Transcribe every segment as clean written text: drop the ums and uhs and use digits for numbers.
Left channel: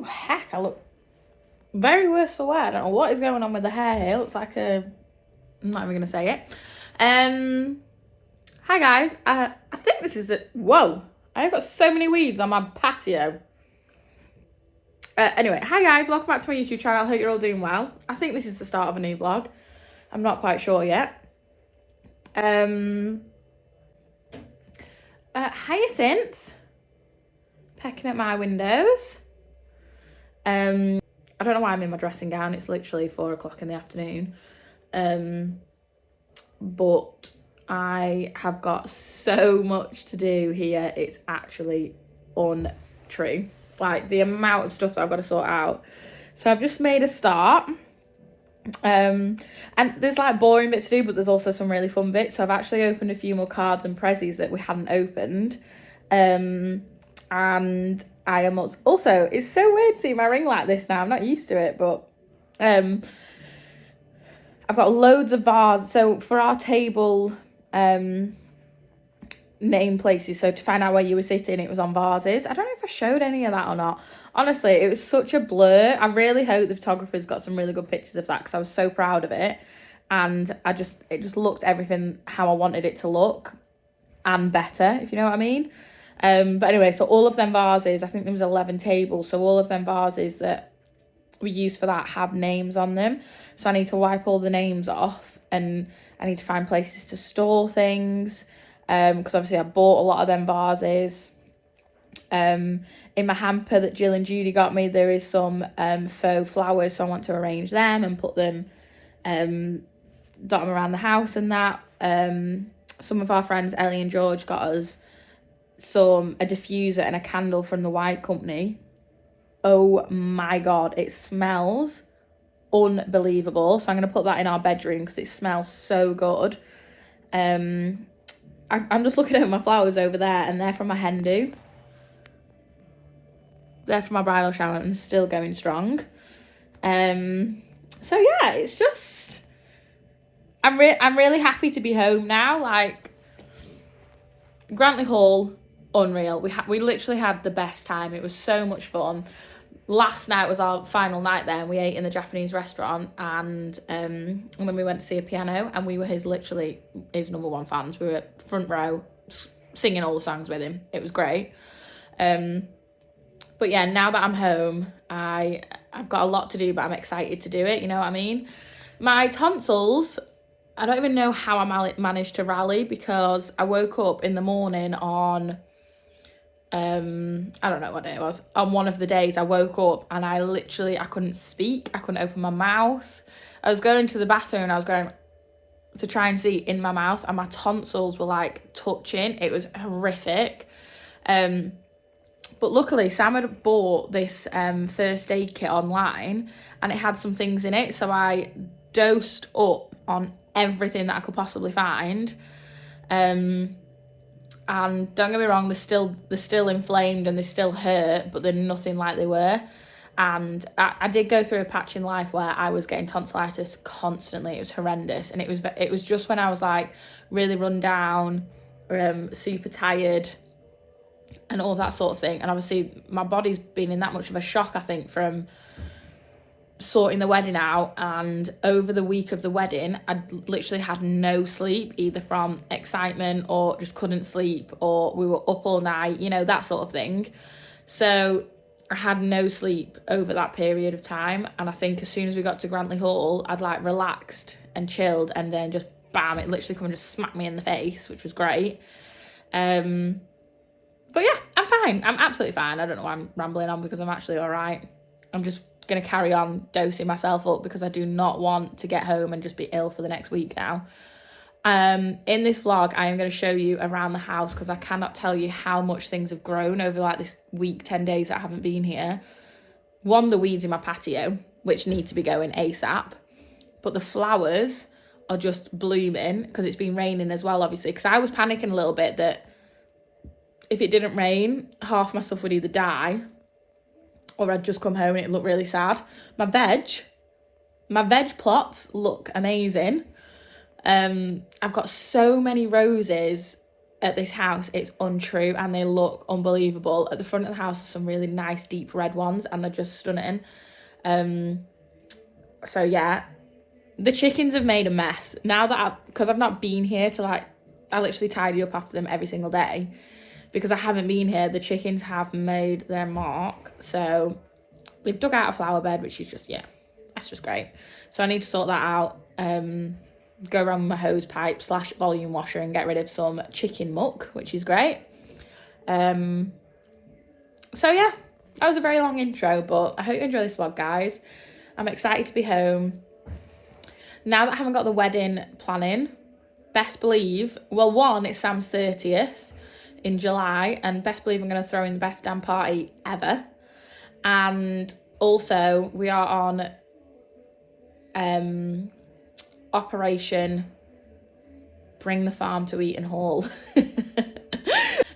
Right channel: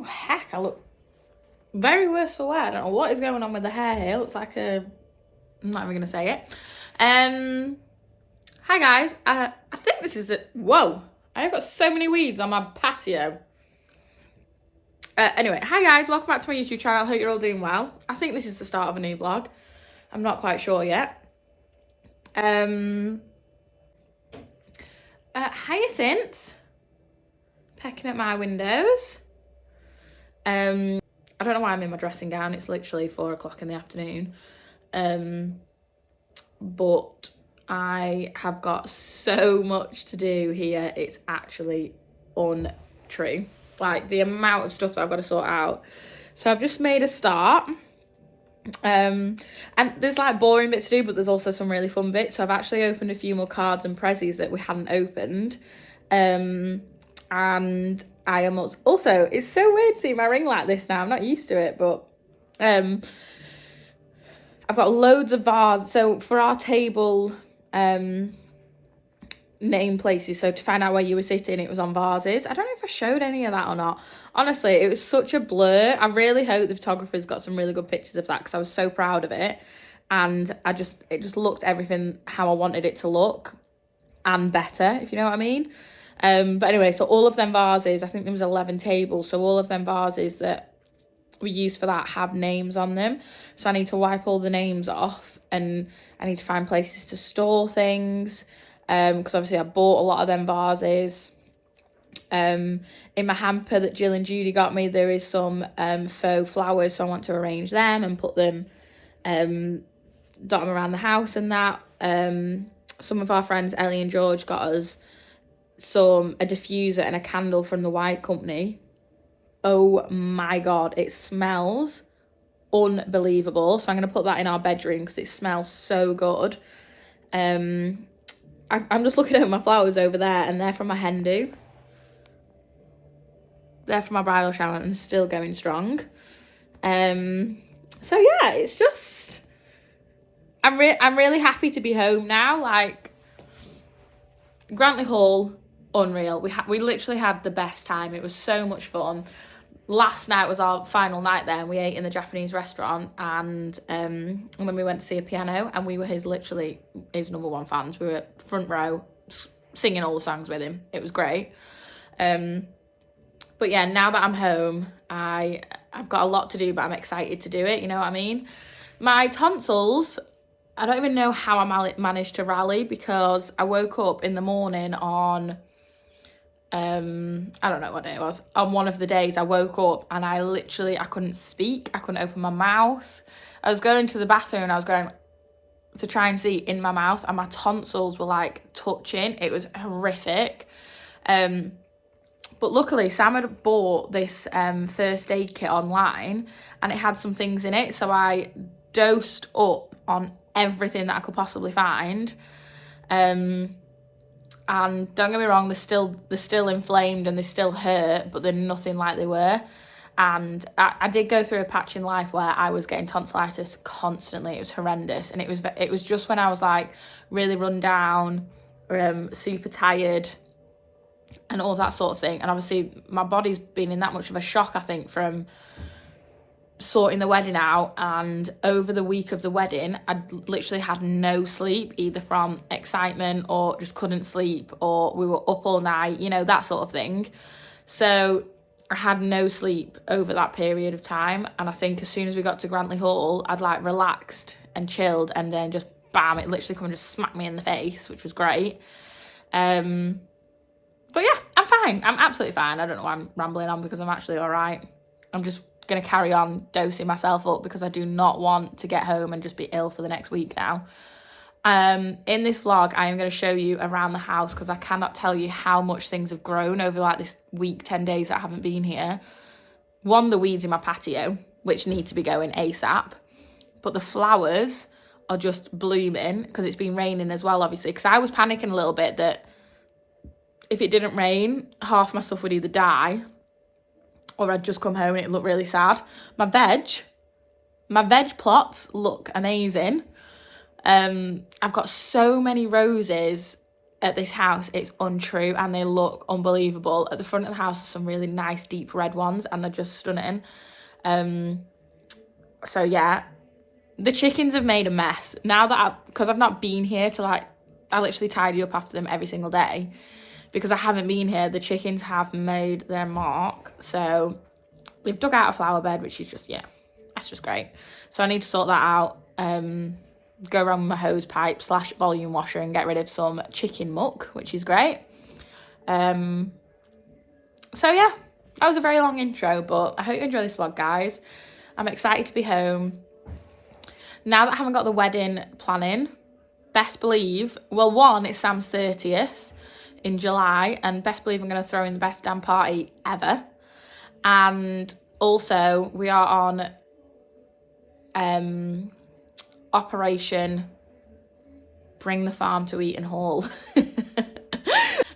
Oh, heck, I look very worse for wear. I don't know what is going on with the hair here. It looks like I'm not even going to say it. Hi, guys. I think this is it. Whoa. I've got so many weeds on my patio. Anyway, hi, guys. Welcome back to my YouTube channel. I hope you're all doing well. I think this is the start of a new vlog. I'm not quite sure yet. Hyacinth. Pecking at my windows. I don't know why I'm in my dressing gown. It's literally 4 o'clock in the afternoon. But I have got so much to do here. It's actually untrue. Like the amount of stuff that I've got to sort out. So I've just made a start. And there's like boring bits to do, but there's also some really fun bits. So I've actually opened a few more cards and prezzies that we hadn't opened. And I am also, it's so weird seeing my ring like this now. I'm not used to it, but I've got loads of vases. So for our table name places, so to find out where you were sitting, it was on vases. I don't know if I showed any of that or not. Honestly, it was such a blur. I really hope the photographer's got some really good pictures of that, because I was so proud of it. And it just looked everything how I wanted it to look, and better, if you know what I mean. But anyway, so all of them vases, I think there was 11 tables, so all of them vases that we used for that have names on them. So I need to wipe all the names off, and I need to find places to store things, because obviously I bought a lot of them vases. In my hamper that Jill and Judy got me, there is some faux flowers, so I want to arrange them and put them, dot them around the house and that. Some of our friends, Ellie and George, got us a diffuser and a candle from the White Company. Oh my god, it smells unbelievable. So I'm going to put that in our bedroom because it smells so good. I'm just looking at my flowers over there, and they're from my hen do. They're from my bridal shower and still going strong. So yeah, it's just, I'm really happy to be home now. Like, Grantley Hall, unreal. We literally had the best time. It was so much fun. Last night was our final night there, and we ate in the Japanese restaurant, and then we went to see a piano, and we were literally his number one fans. We were front row singing all the songs with him. It was great. But yeah, now that I'm home, I've got a lot to do, but I'm excited to do it, you know what I mean? My tonsils, I don't even know how I managed to rally, because I woke up in the morning on, I don't know what day it was. On one of the days I woke up and I couldn't speak. I couldn't open my mouth. I was going to the bathroom and I was going to try and see in my mouth, and my tonsils were like touching. It was horrific. But luckily Sam had bought this first aid kit online, and it had some things in it. So I dosed up on everything that I could possibly find. And don't get me wrong, they're still inflamed and they still hurt, but they're nothing like they were. And I did go through a patch in life where I was getting tonsillitis constantly. It was horrendous, and it was just when I was like really run down, super tired, and all that sort of thing. And obviously my body's been in that much of a shock, I think, from sorting the wedding out. And over the week of the wedding, I literally had no sleep, either from excitement or just couldn't sleep, or we were up all night, you know, that sort of thing. So I had no sleep over that period of time. And I think as soon as we got to Grantley Hall, I'd like relaxed and chilled, and then just bam, it literally come and just smacked me in the face, which was great. But yeah, I'm fine. I'm absolutely fine. I don't know why I'm rambling on, because I'm actually all right. I'm just going to carry on dosing myself up, because I do not want to get home and just be ill for the next week now. In this vlog, I am going to show you around the house, because I cannot tell you how much things have grown over like this week, 10 days that I haven't been here. One, the weeds in my patio, which need to be going ASAP. But the flowers are just blooming, because it's been raining as well, obviously. Because I was panicking a little bit that if it didn't rain, half my stuff would either die, or I'd just come home and it'd look really sad. My veg plots look amazing. I've got so many roses at this house, it's untrue, and they look unbelievable. At the front of the house are some really nice deep red ones, and they're just stunning. So yeah, the chickens have made a mess now that because I've not been here to like, I literally tidy up after them every single day because I haven't been here. The chickens have made their mark. So they've dug out a flower bed, which is just, yeah, that's just great. So I need to sort that out. Go around with my hose pipe / volume washer and get rid of some chicken muck, which is great. So yeah, that was a very long intro, but I hope you enjoy this vlog, guys. I'm excited to be home. Now that I haven't got the wedding planning, best believe, well, one, it's Sam's 30th in July, and best believe I'm going to throw in the best damn party ever. And also, we are on Operation Bring the Farm to Eaton Hall.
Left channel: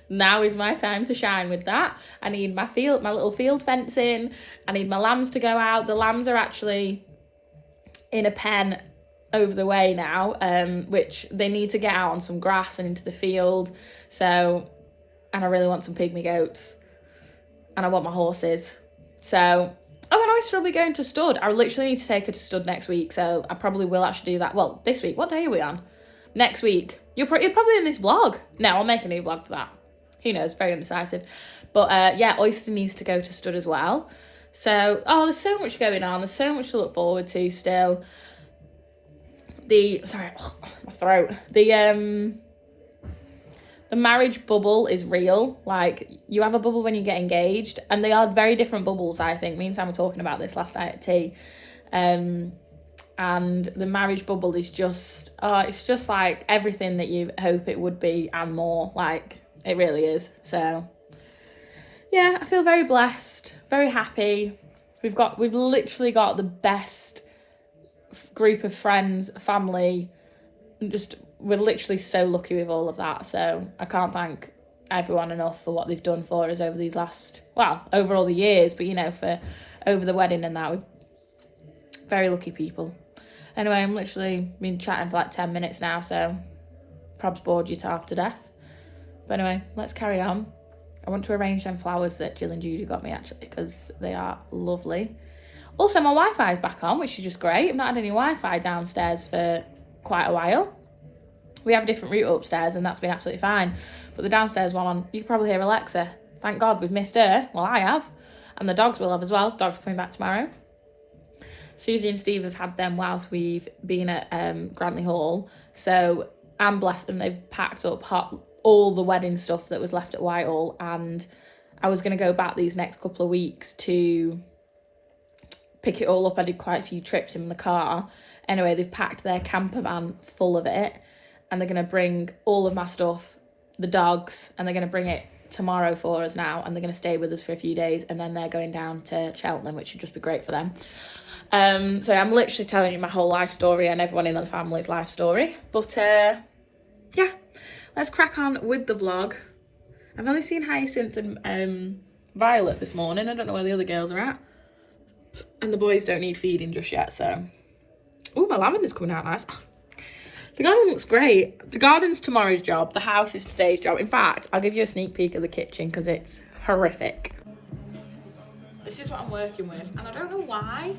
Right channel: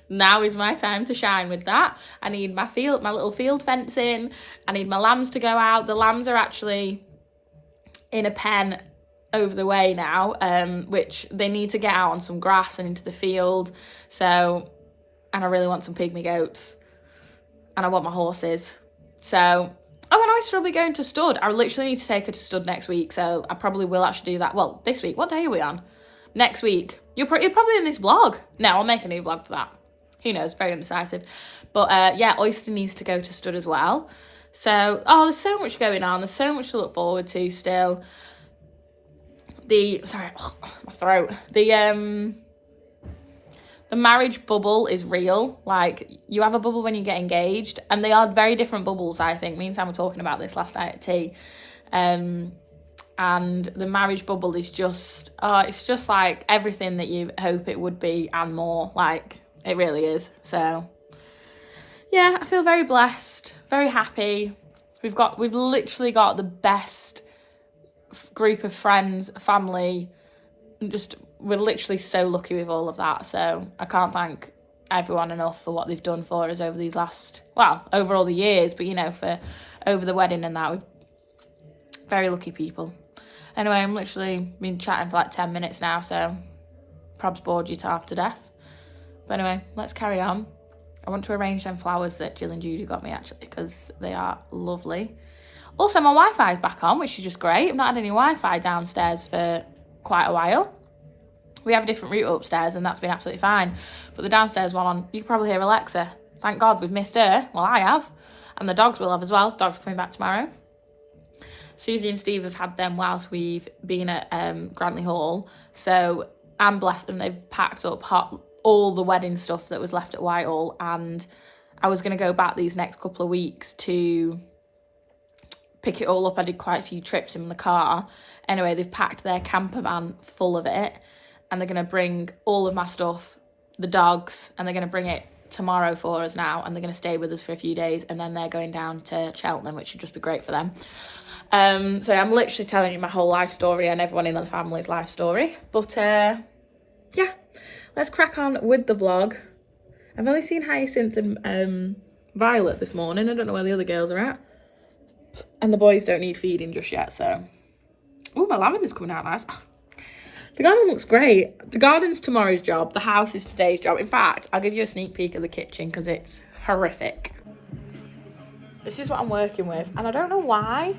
Now is my time to shine with that. I need my little field fencing. I need my lambs to go out. The lambs are actually in a pen over the way now, which they need to get out on some grass and into the field. So, and I really want some pygmy goats, and I want my horses. So, oh, and Oyster will be going to stud. I literally need to take her to stud next week, so I probably will actually do that. Well, this week. What day are we on? Next week. You're probably in this vlog. No, I'll make a new vlog for that. Who knows? Very indecisive. But yeah, Oyster needs to go to stud as well. So, oh, there's so much going on. There's so much to look forward to still. Sorry, my throat. The marriage bubble is real. Like, you have a bubble when you get engaged, and they are very different bubbles, I think. Me and Sam were talking about this last night at tea. And the marriage bubble is just, it's just like everything that you hope it would be and more. Like, it really is. So, yeah, I feel very blessed, very happy. We've literally got the best group of friends, family, just we're literally so lucky with all of that. So I can't thank everyone enough for what they've done for us over these over all the years, but you know, for over the wedding and that. We're very lucky people. Anyway, I'm literally been chatting for like 10 minutes now, so probs bored you to half to death. But anyway, let's carry on. I want to arrange them flowers that Jill and Judy got me, actually, because they are lovely. Also, my Wi-Fi is back on, which is just great. I've not had any Wi-Fi downstairs for quite a while. We have a different router upstairs, and that's been absolutely fine. But the downstairs one on, you can probably hear Alexa. Thank God we've missed her. Well, I have. And the dogs will have as well. Dogs coming back tomorrow. Susie and Steve have had them whilst we've been at Grantley Hall. So I'm blessed them. They've packed up all the wedding stuff that was left at Whitehall. And I was going to go back these next couple of weeks to pick it all up. I did quite a few trips in the car. Anyway, they've packed their camper van full of it, and they're going to bring all of my stuff, the dogs, and they're going to bring it tomorrow for us now, and they're going to stay with us for a few days, and then they're going down to Cheltenham, which should just be great for them. So I'm literally telling you my whole life story and everyone in the family's life story. But yeah, let's crack on with the vlog. I've only seen Hyacinth and Violet this morning. I don't know where the other girls are at. And the boys don't need feeding just yet, so. Oh, my lavender's coming out nice. The garden looks great. The garden's tomorrow's job. The house is today's job. In fact, I'll give you a sneak peek of the kitchen because it's horrific. This is what I'm working with, and I don't know why.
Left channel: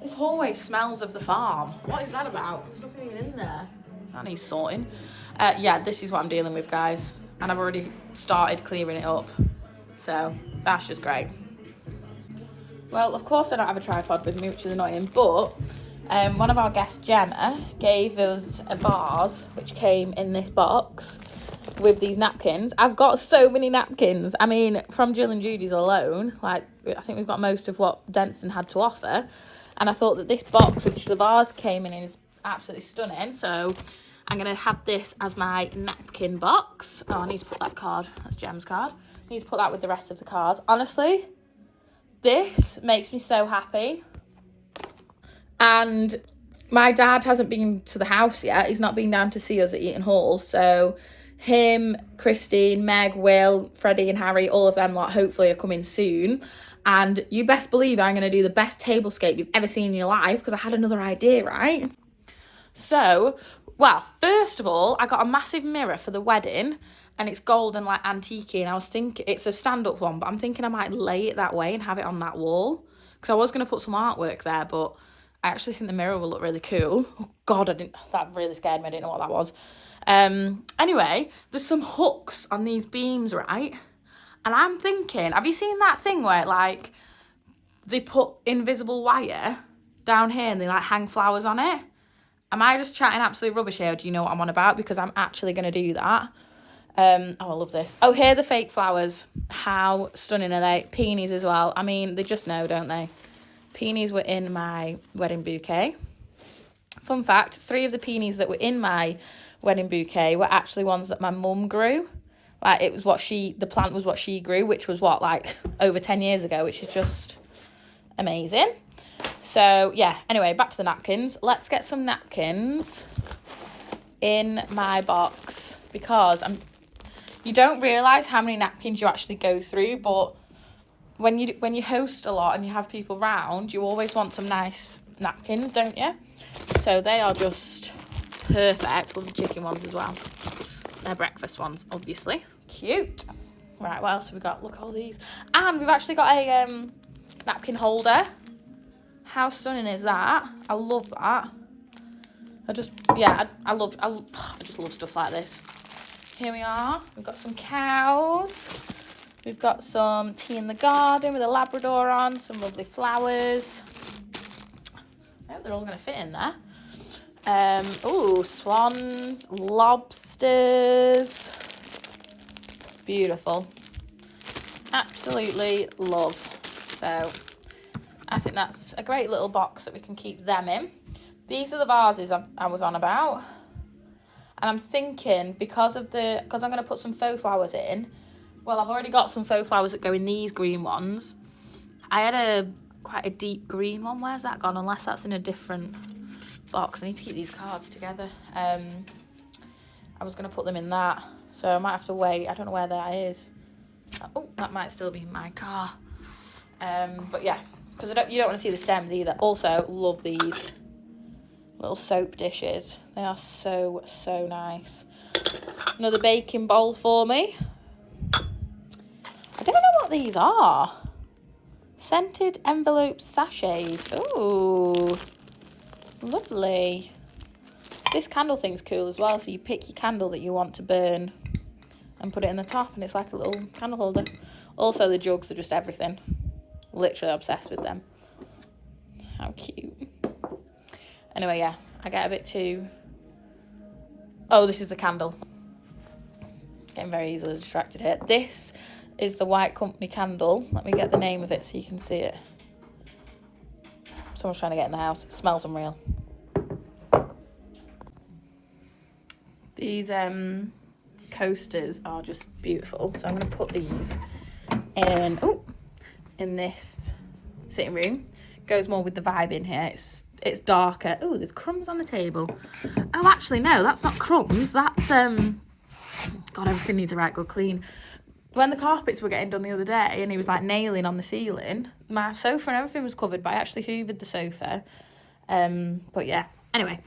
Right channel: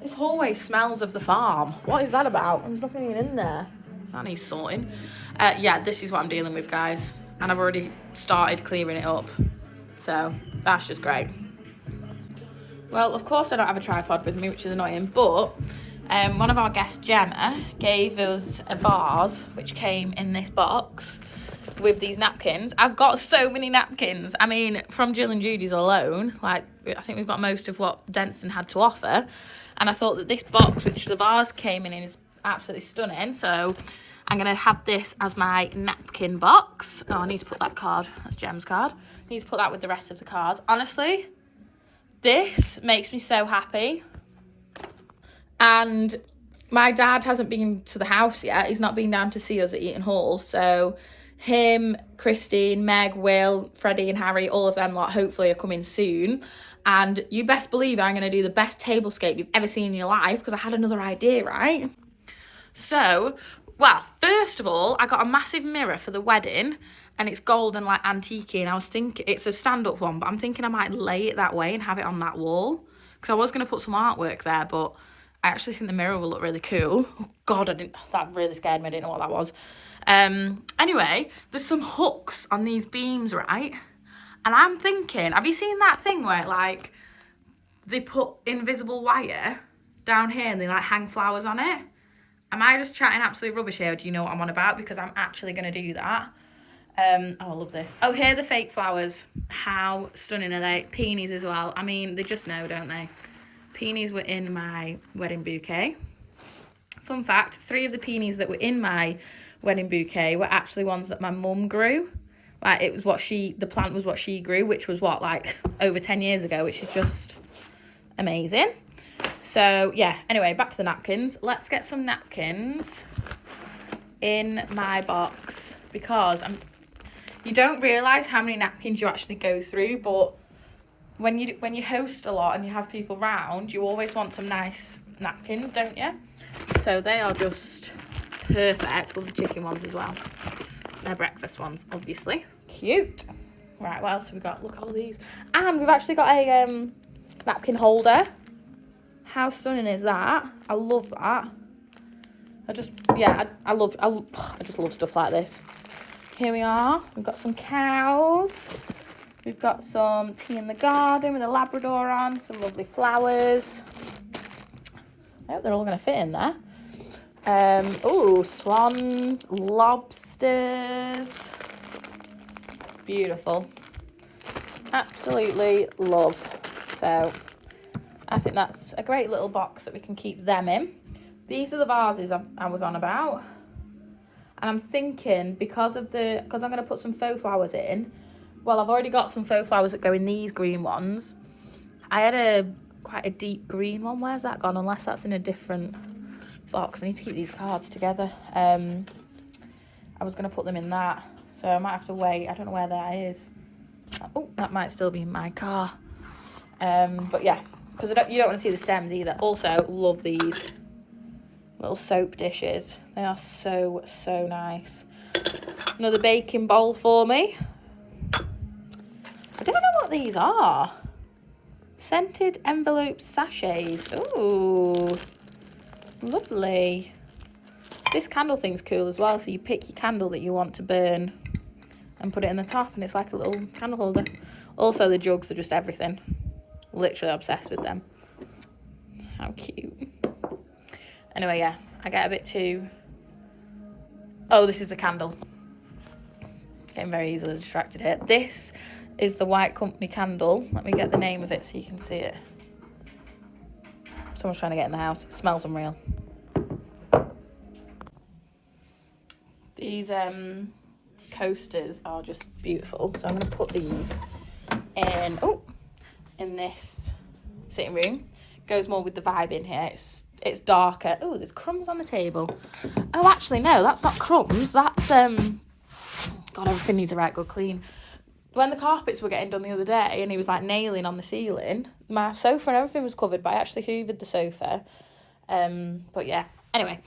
This hallway smells of the farm. What is that about? There's nothing even in there. That needs sorting. Yeah, this is what I'm dealing with, guys. And I've already started clearing it up. So, that's just great. Well, of course I don't have a tripod with me, which is annoying, but one of our guests, Gemma, gave us a vase, which came in this box with these napkins. I've got so many napkins. I mean, from Jill and Judy's alone, like, I think we've got most of what Denstone had to offer. And I thought that this box, which the vase came in, is absolutely stunning. So I'm going to have this as my napkin box. Oh, I need to put that card. That's Gem's card. I need to put that with the rest of the cards. Honestly, this makes me so happy. And my dad hasn't been to the house yet. He's not been down to see us at Eaton Hall. So him, Christine, Meg, Will, Freddie and Harry, all of them lot hopefully are coming soon. And you best believe I'm going to do the best tablescape you've ever seen in your life, because I had another idea, right? So Well, first of all, I got a massive mirror for the wedding, and it's gold and like antique, and I was thinking it's a stand-up one, but I'm thinking I might lay it that way and have it on that wall, because I was going to put some artwork there, but I actually think the mirror will look really cool. Oh God, that really scared me. I didn't know what that was. Anyway, there's some hooks on these beams, right? And I'm thinking, have you seen that thing where like they put invisible wire down here and they like hang flowers on it? Am I just chatting absolute rubbish here, or do you know what I'm on about? Because I'm actually going to do that. Oh, I love this. Oh, here are the fake flowers. How stunning are they? Peonies as well. I mean, they just know, don't they? Peonies were in my wedding bouquet. Fun fact, 3 of the peonies that were in my wedding bouquet were actually ones that my mum grew. Like, it was the plant was what she grew, which was like over 10 years ago, which is just amazing. So, yeah, anyway, back to the napkins. Let's get some napkins in my box, because you don't realise how many napkins you actually go through, but when you host a lot and you have people round, you always want some nice napkins, don't you? So they are just perfect. Love the chicken ones as well. They're breakfast ones, obviously. Cute. Right, what else have we got? Look at all these. And we've actually got a napkin holder. How stunning is that? I love that. I just love stuff like this. Here we are. We've got some cows. We've got some tea in the garden with a Labrador on. Some lovely flowers. I hope they're all going to fit in there. Oh, swans, lobsters. Beautiful. Absolutely love. So I think that's a great little box that we can keep them in. These are the vases I was on about. And I'm thinking, because I'm going to put some faux flowers in, well, I've already got some faux flowers that go in these green ones. I had quite a deep green one. Where's that gone? Unless that's in a different box. I need to keep these cards together. I was going to put them in that, so I might have to wait. I don't know where that is. Oh, that might still be in my car. But yeah, because you don't want to see the stems either. Also, love these little soap dishes. They are so, so nice. Another baking bowl for me. I don't know what these are. Scented envelope sachets. Ooh, lovely. This candle thing's cool as well. So you pick your candle that you want to burn and put it in the top, and it's like a little candle holder. Also, the jugs are just everything. Literally obsessed with them. How cute. Anyway, yeah, I get a bit too... Oh, this is the candle. Getting very easily distracted here. This is the White Company candle. Let me get the name of it so you can see it. Someone's trying to get in the house. It smells unreal. These coasters are just beautiful. So I'm going to put these in this sitting room. Goes more with the vibe in here. It's darker. Oh, there's crumbs on the table. Oh, actually, no, that's not crumbs. That's, God, everything needs a right good clean. When the carpets were getting done the other day and he was like nailing on the ceiling, my sofa and everything was covered, but I actually hoovered the sofa. But yeah, anyway,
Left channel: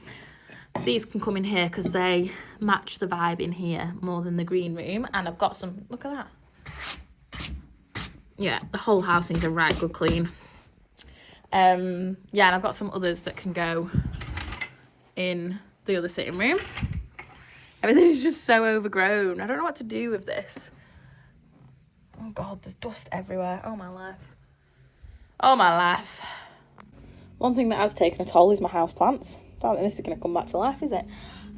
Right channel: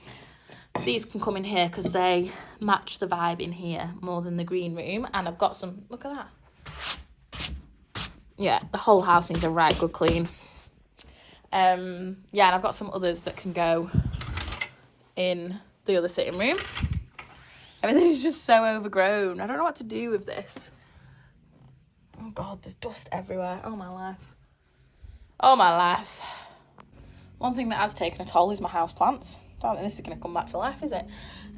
these can come in here because they match the vibe in here more than the green room. And I've got some, look at that. Yeah, the whole house needs a right good clean. Yeah, and I've got some others that can go in the other sitting room. Everything is just so overgrown. I don't know what to do with this. Oh God, there's dust everywhere. Oh my life. Oh my life. One thing that has taken a toll is my houseplants. Don't think this is going to come back to life, is it?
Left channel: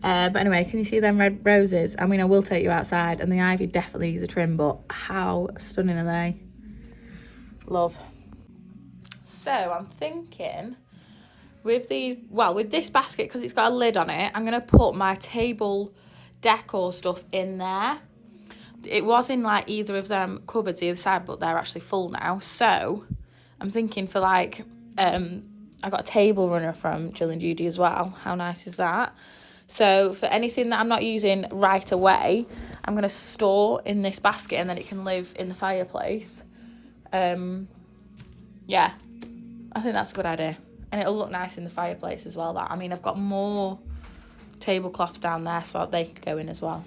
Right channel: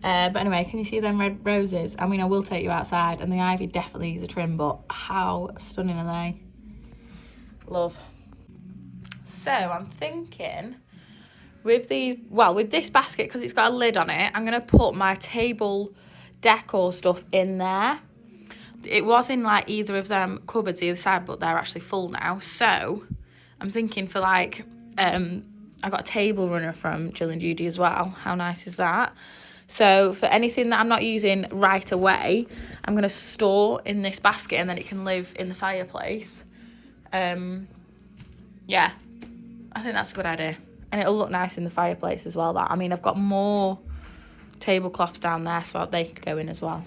But anyway, can you see them red roses? I mean, I will take you outside, and the ivy definitely needs a trim, but how stunning are they? Love. So I'm thinking with this basket, because it's got a lid on it, I'm going to put my table decor stuff in there. It was in like either of them cupboards either side, but they're actually full now. So I'm thinking for like, I got a table runner from Jill and Judy as well. How nice is that? So for anything that I'm not using right away, I'm going to store in this basket, and then it can live in the fireplace. Yeah, I think that's a good idea. And it'll look nice in the fireplace as well. That, I mean, I've got more tablecloths down there so they could go in as well.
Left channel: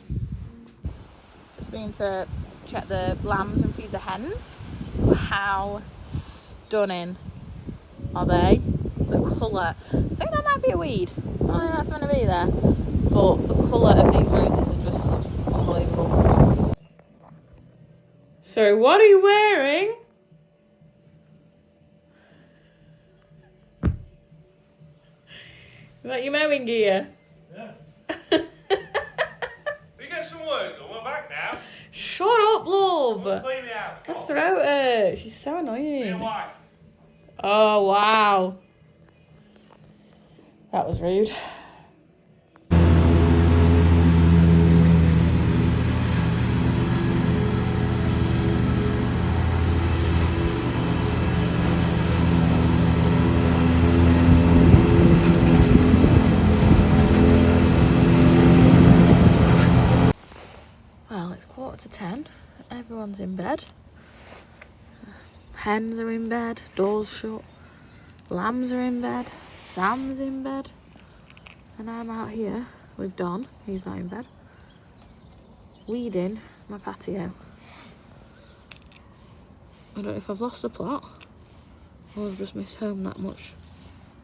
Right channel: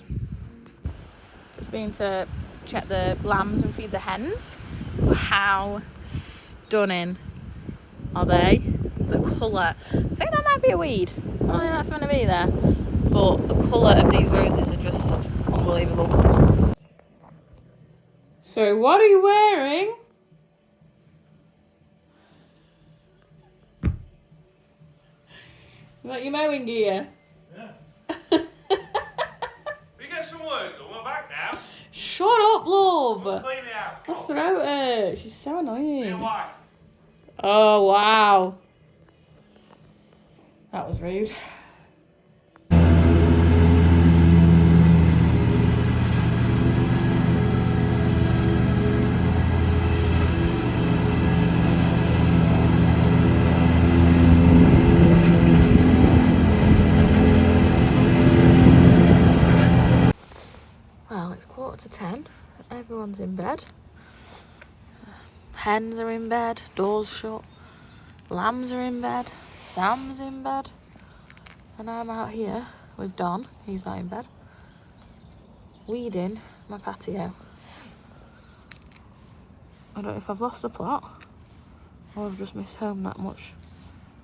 Just been to check the lambs and feed the hens. How stunning are they? The colour. I think that might be a weed. I don't think that's meant to be there. But the colour of these roses are just unbelievable. So what are you wearing? Is that your mowing gear? Yeah. We get some work done. We're back now. Shut up, love. We'll clean the house. My throat hurts. She's so annoying. Me and wife. Oh, wow. That was rude. Well, it's 9:45. Everyone's in bed. Hens are in bed, doors shut. Lambs are in bed. Sam's in bed. And I'm out here with Don, who's not in bed, weeding my patio. I don't know if I've lost the plot or I've just missed home that much.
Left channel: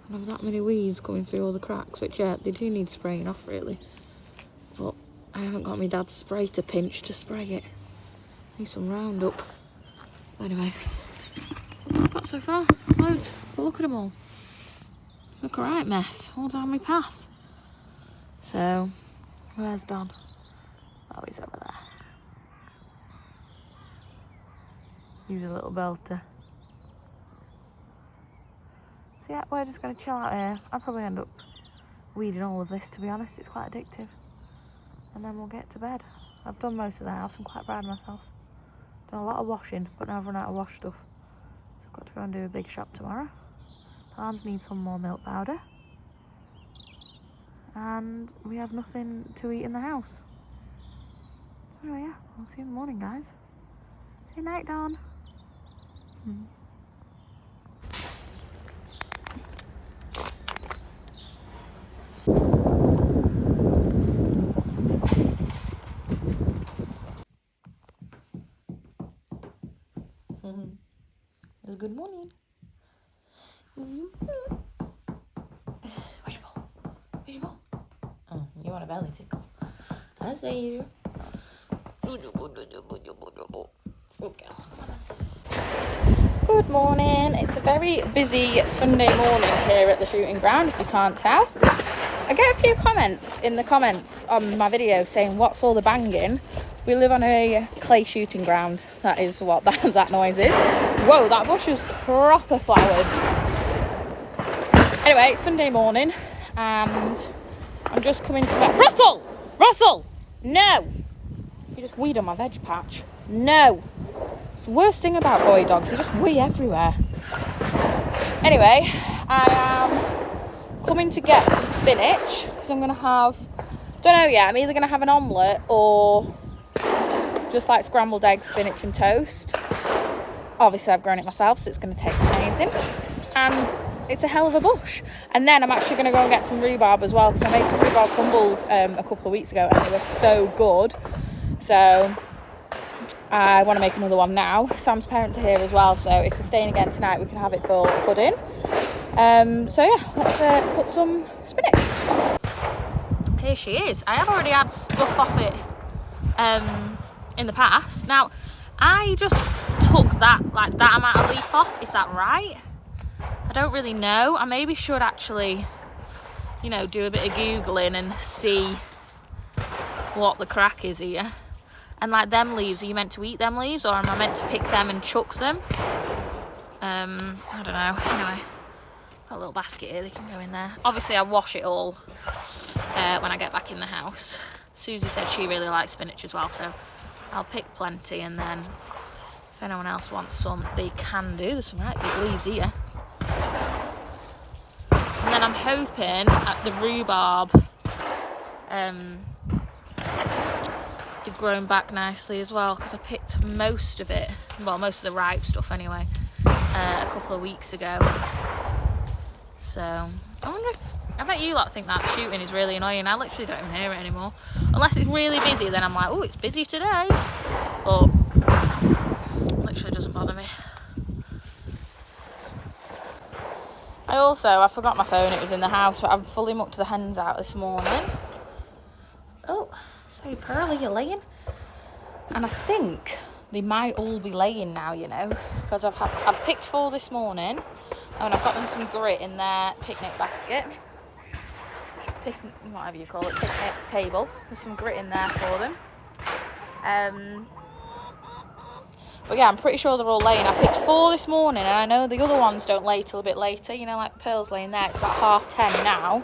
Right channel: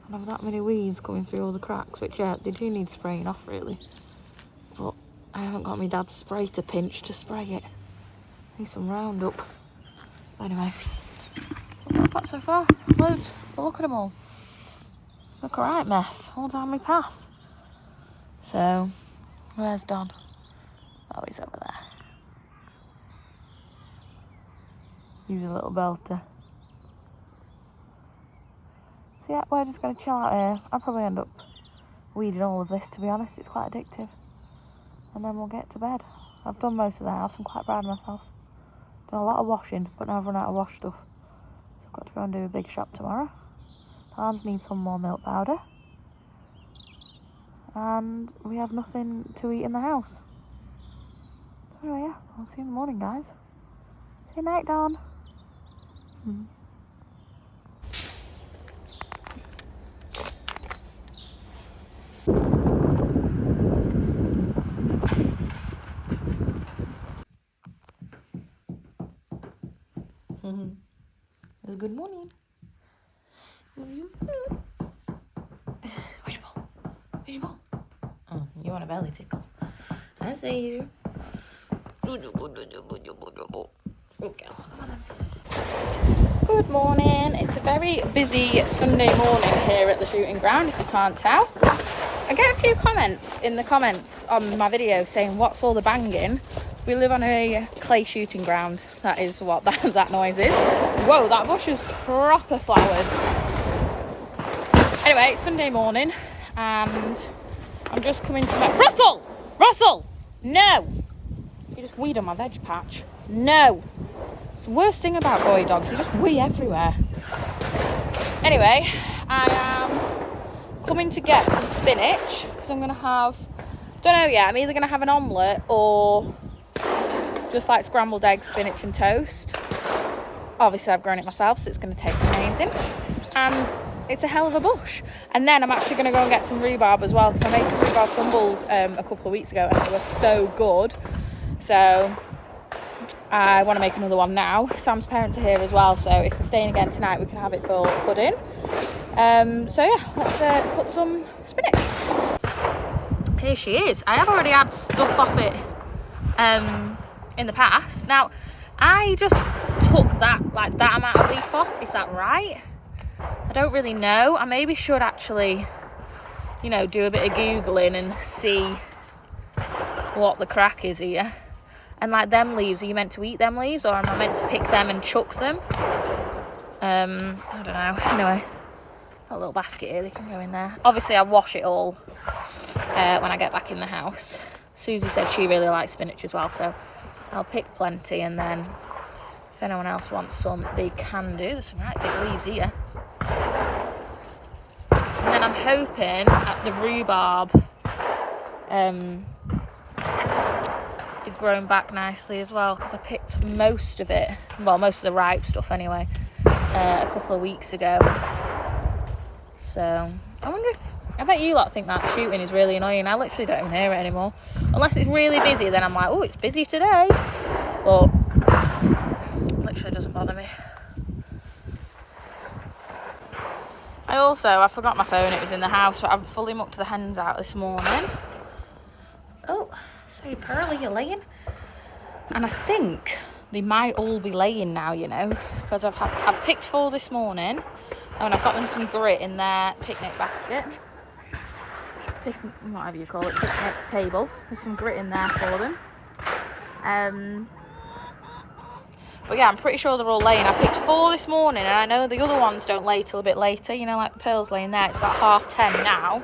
And I've that many weeds coming through all the cracks, which, yeah, they do need spraying off, really. But I haven't got my dad's spray to pinch to spray it. Need some Roundup. Anyway, what have I got so far? Loads. But look at them all. Look, a right mess all down my path. So, where's Don? Oh, he's over there. He's a little belter. So yeah, we're just going to chill out here. I'll probably end up weeding all of this, to be honest. It's quite addictive. And then we'll get to bed. I've done most of the house. I'm quite proud of myself. Done a lot of washing, but now I've run out of wash stuff. So I've got to go and do a big shop tomorrow. Lambs need some more milk powder. And we have nothing to eat in the house. So anyway, yeah, I'll see you in the morning, guys. See you night, Dawn. It's good morning. Where's your ball? Where's your ball? Oh, you want a belly tickle. I see you. Okay. Good morning. It's a very busy Sunday morning here at the shooting ground, if you can't tell. I get a few comments in the comments on my video saying, what's all the banging? We live on a clay shooting ground. That is what that noise is. Whoa, that bush is proper flowered. Anyway, it's Sunday morning and I'm just coming to my... Russell! No! You just weed on my veg patch. No! It's the worst thing about boy dogs. They just wee everywhere. Anyway, I am coming to get some spinach because I'm going to have... Don't know yet. I'm either going to have an omelette or just like scrambled eggs, spinach and toast. Obviously, I've grown it myself, so it's going to taste amazing. And it's a hell of a bush. And then I'm actually going to go and get some rhubarb as well, because I made some rhubarb crumbles a couple of weeks ago and they were so good. So I want to make another one now. Sam's parents are here as well, so if they're staying again tonight, we can have it for pudding. So yeah, let's cut some spinach. Here she is. I have already had stuff off it in the past. Now, I just took that amount of leaf off. Is that right? I don't really know. I maybe should actually, you know, do a bit of Googling and see what the crack is here. And like them leaves, are you meant to eat them leaves or am I meant to pick them and chuck them? I don't know. Anyway, got a little basket here, they can go in there. Obviously, I wash it all when I get back in the house. Susie said she really likes spinach as well, so I'll pick plenty, and then if anyone else wants some, they can do. There's some right big leaves here. And then I'm hoping that the rhubarb is growing back nicely as well, because I picked most of it, well, most of the ripe stuff anyway, a couple of weeks ago. So I wonder if I bet you lot think that shooting is really annoying. I literally don't even hear it anymore. Unless it's really busy, then I'm like, oh, it's busy today. But it literally doesn't bother me. I forgot my phone, it was in the house, but I've fully mucked the hens out this morning. Oh, sorry, Pearl, you're laying. And I think they might all be laying now, you know, because I've picked 4 this morning, and I've got them some grit in their picnic basket. Whatever you call it, picnic table. There's some grit in there for them. But yeah, I'm pretty sure they're all laying. I picked 4 this morning, and I know the other ones don't lay till a bit later. You know, like Pearl's laying there. It's about 10:30 now.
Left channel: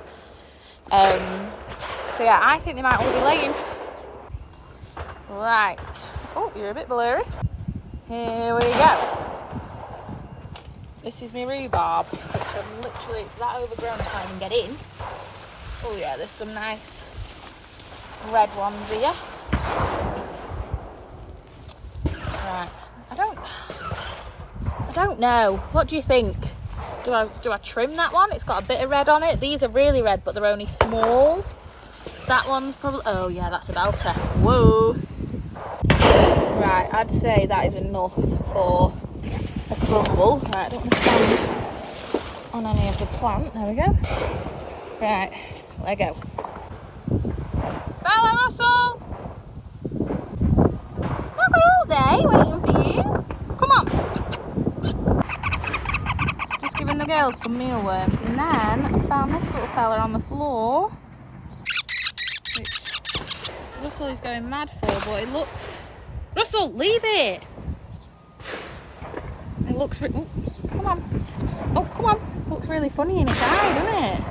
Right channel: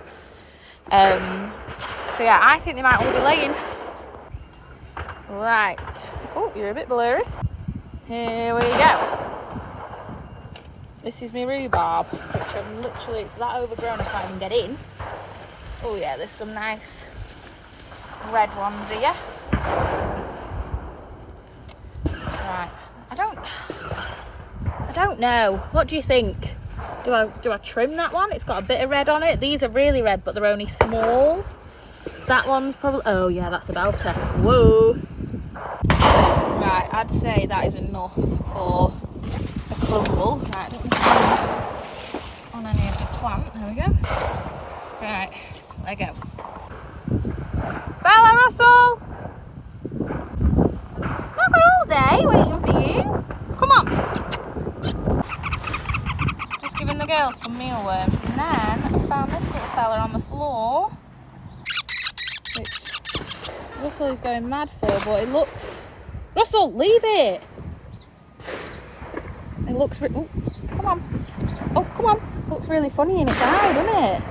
So yeah, I think they might all be laying. Right. Oh, you're a bit blurry. Here we go. This is my rhubarb, which I'm literally, it's that overgrown I can't even get in. Oh yeah, there's some nice red ones here. Right. I don't know. What do you think? Do I trim that one? It's got a bit of red on it. These are really red, but they're only small. That one's probably, oh yeah, that's a belter. Whoa. Right, I'd say that is enough for a crumble. Right, I don't want to stand on any of the plant. There we go. Right, let go. Bella, Russell! I've got all day waiting for you. Come on. Just giving the girls some mealworms, and then I found this little fella on the floor, which Russell is going mad for, but it looks... Russell, leave it! It looks... Oh, come on. Oh, come on. It looks really funny in its eye, doesn't it?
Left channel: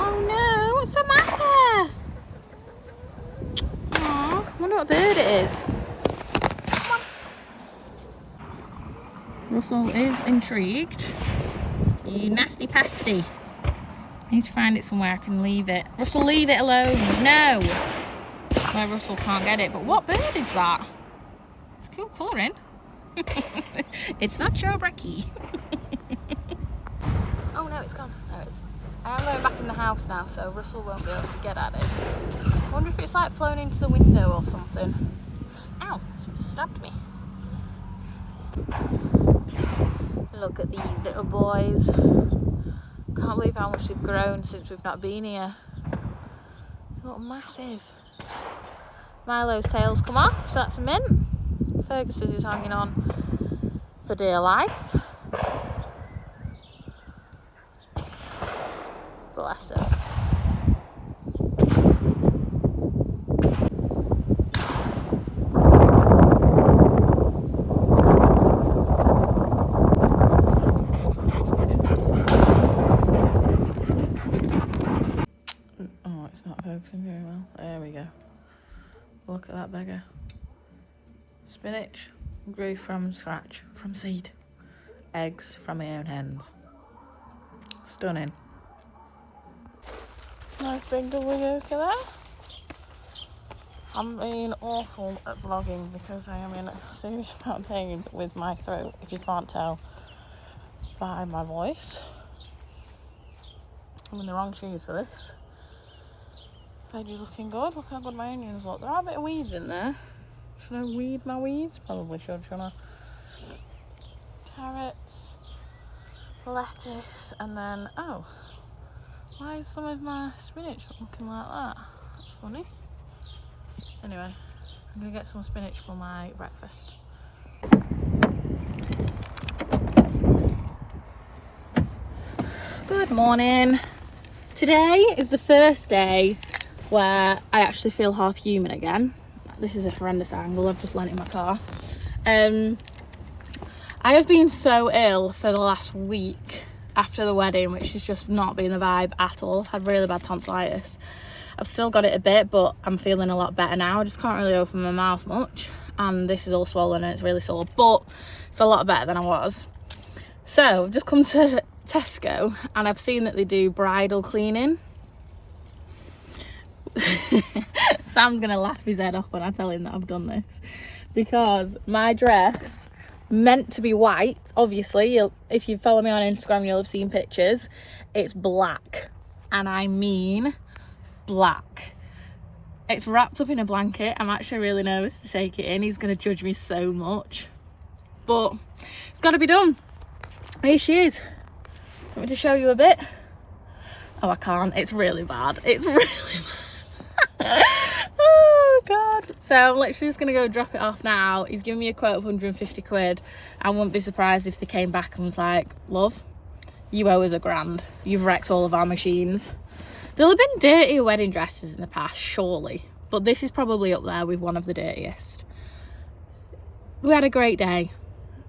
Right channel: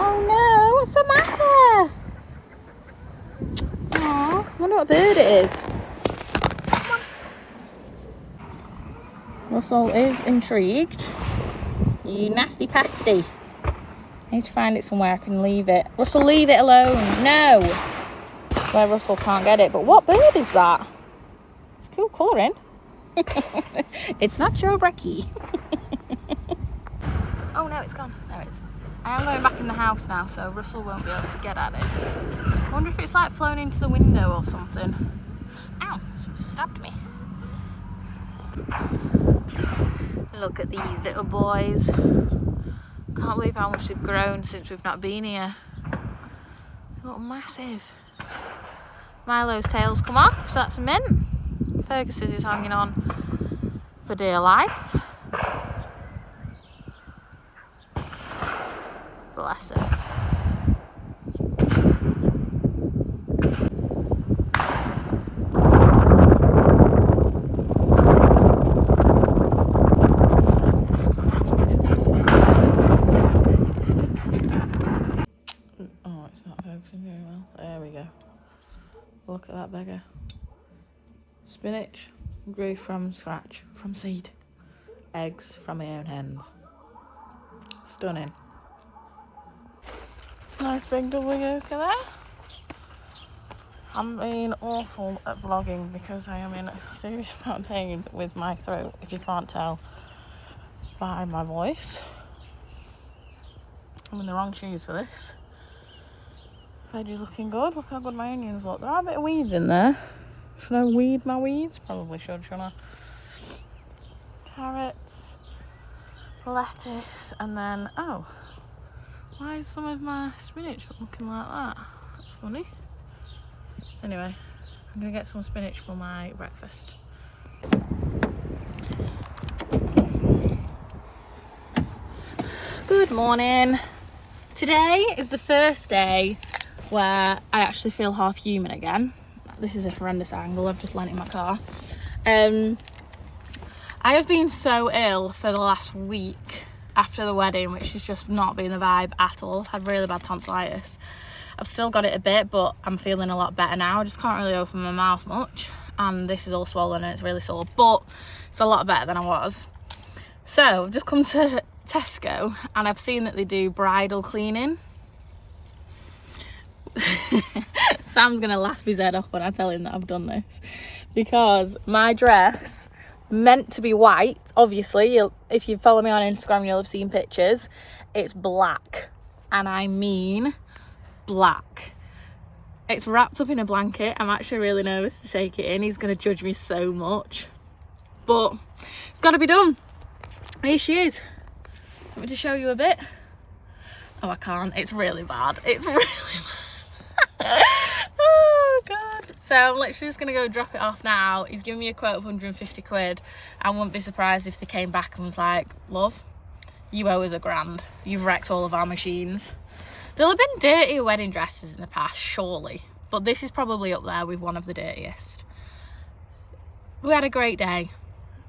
Oh no, what's the matter? Aw, I wonder what bird it is. Russell is intrigued. You nasty pasty. I need to find it somewhere I can leave it. Russell, leave it alone. No! Where Russell can't get it. But what bird is that? It's cool colouring. It's not your brekkie. Oh no, it's gone. There it is. I am going back in the house now, so Russell won't be able to get at it. I wonder if it's like flown into the window or something. Ow, she stabbed me. Look at these little boys. Can't believe how much they've grown since we've not been here. They look massive. Milo's tail's come off, so that's a mint. Fergus's is hanging on for dear life. Bless him. Oh, it's not focusing very well. There we go. Look at that beggar. Spinach grew from scratch, from seed. Eggs from my own hens. Stunning. Nice big double yolk there. I'm being awful at vlogging because I am in a serious amount of pain with my throat, if you can't tell by my voice. I'm in the wrong shoes for this. Veg is looking good. Look how good my onions look. There are a bit of weeds in there. Should I weed my weeds? Probably should, shouldn't I? Carrots, lettuce, and then, oh, why is some of my spinach looking like that? That's funny. Anyway, I'm going to get some spinach for my breakfast. Good morning. Today is the first day where I actually feel half human again. This is a horrendous angle, I've just landed in my car. I have been so ill for the last week after the wedding, which has just not been the vibe at all. I've had really bad tonsillitis. I've still got it a bit, but I'm feeling a lot better now. I just can't really open my mouth much, and this is all swollen and it's really sore, but it's a lot better than I was. So I've just come to Tesco and I've seen that they do bridal cleaning. Sam's gonna laugh his head off when I tell him that I've done this, because my dress, meant to be white, obviously, if you follow me on Instagram you'll have seen pictures, it's black. and I mean black. It's wrapped up in a blanket. I'm actually really nervous to take it in. He's going to judge me so much, but it's got to be done. Here she is. Want me to show you a bit? Oh, I can't. It's really bad. It's really bad. Oh god. So I'm literally just gonna go drop it off now. He's giving me a quote of 150 quid. I wouldn't be surprised if they came back and was like, love, you owe us £1,000. You've wrecked all of our machines. There'll have been dirtier wedding dresses in the past, surely, but this is probably up there with one of the dirtiest. We had a great day.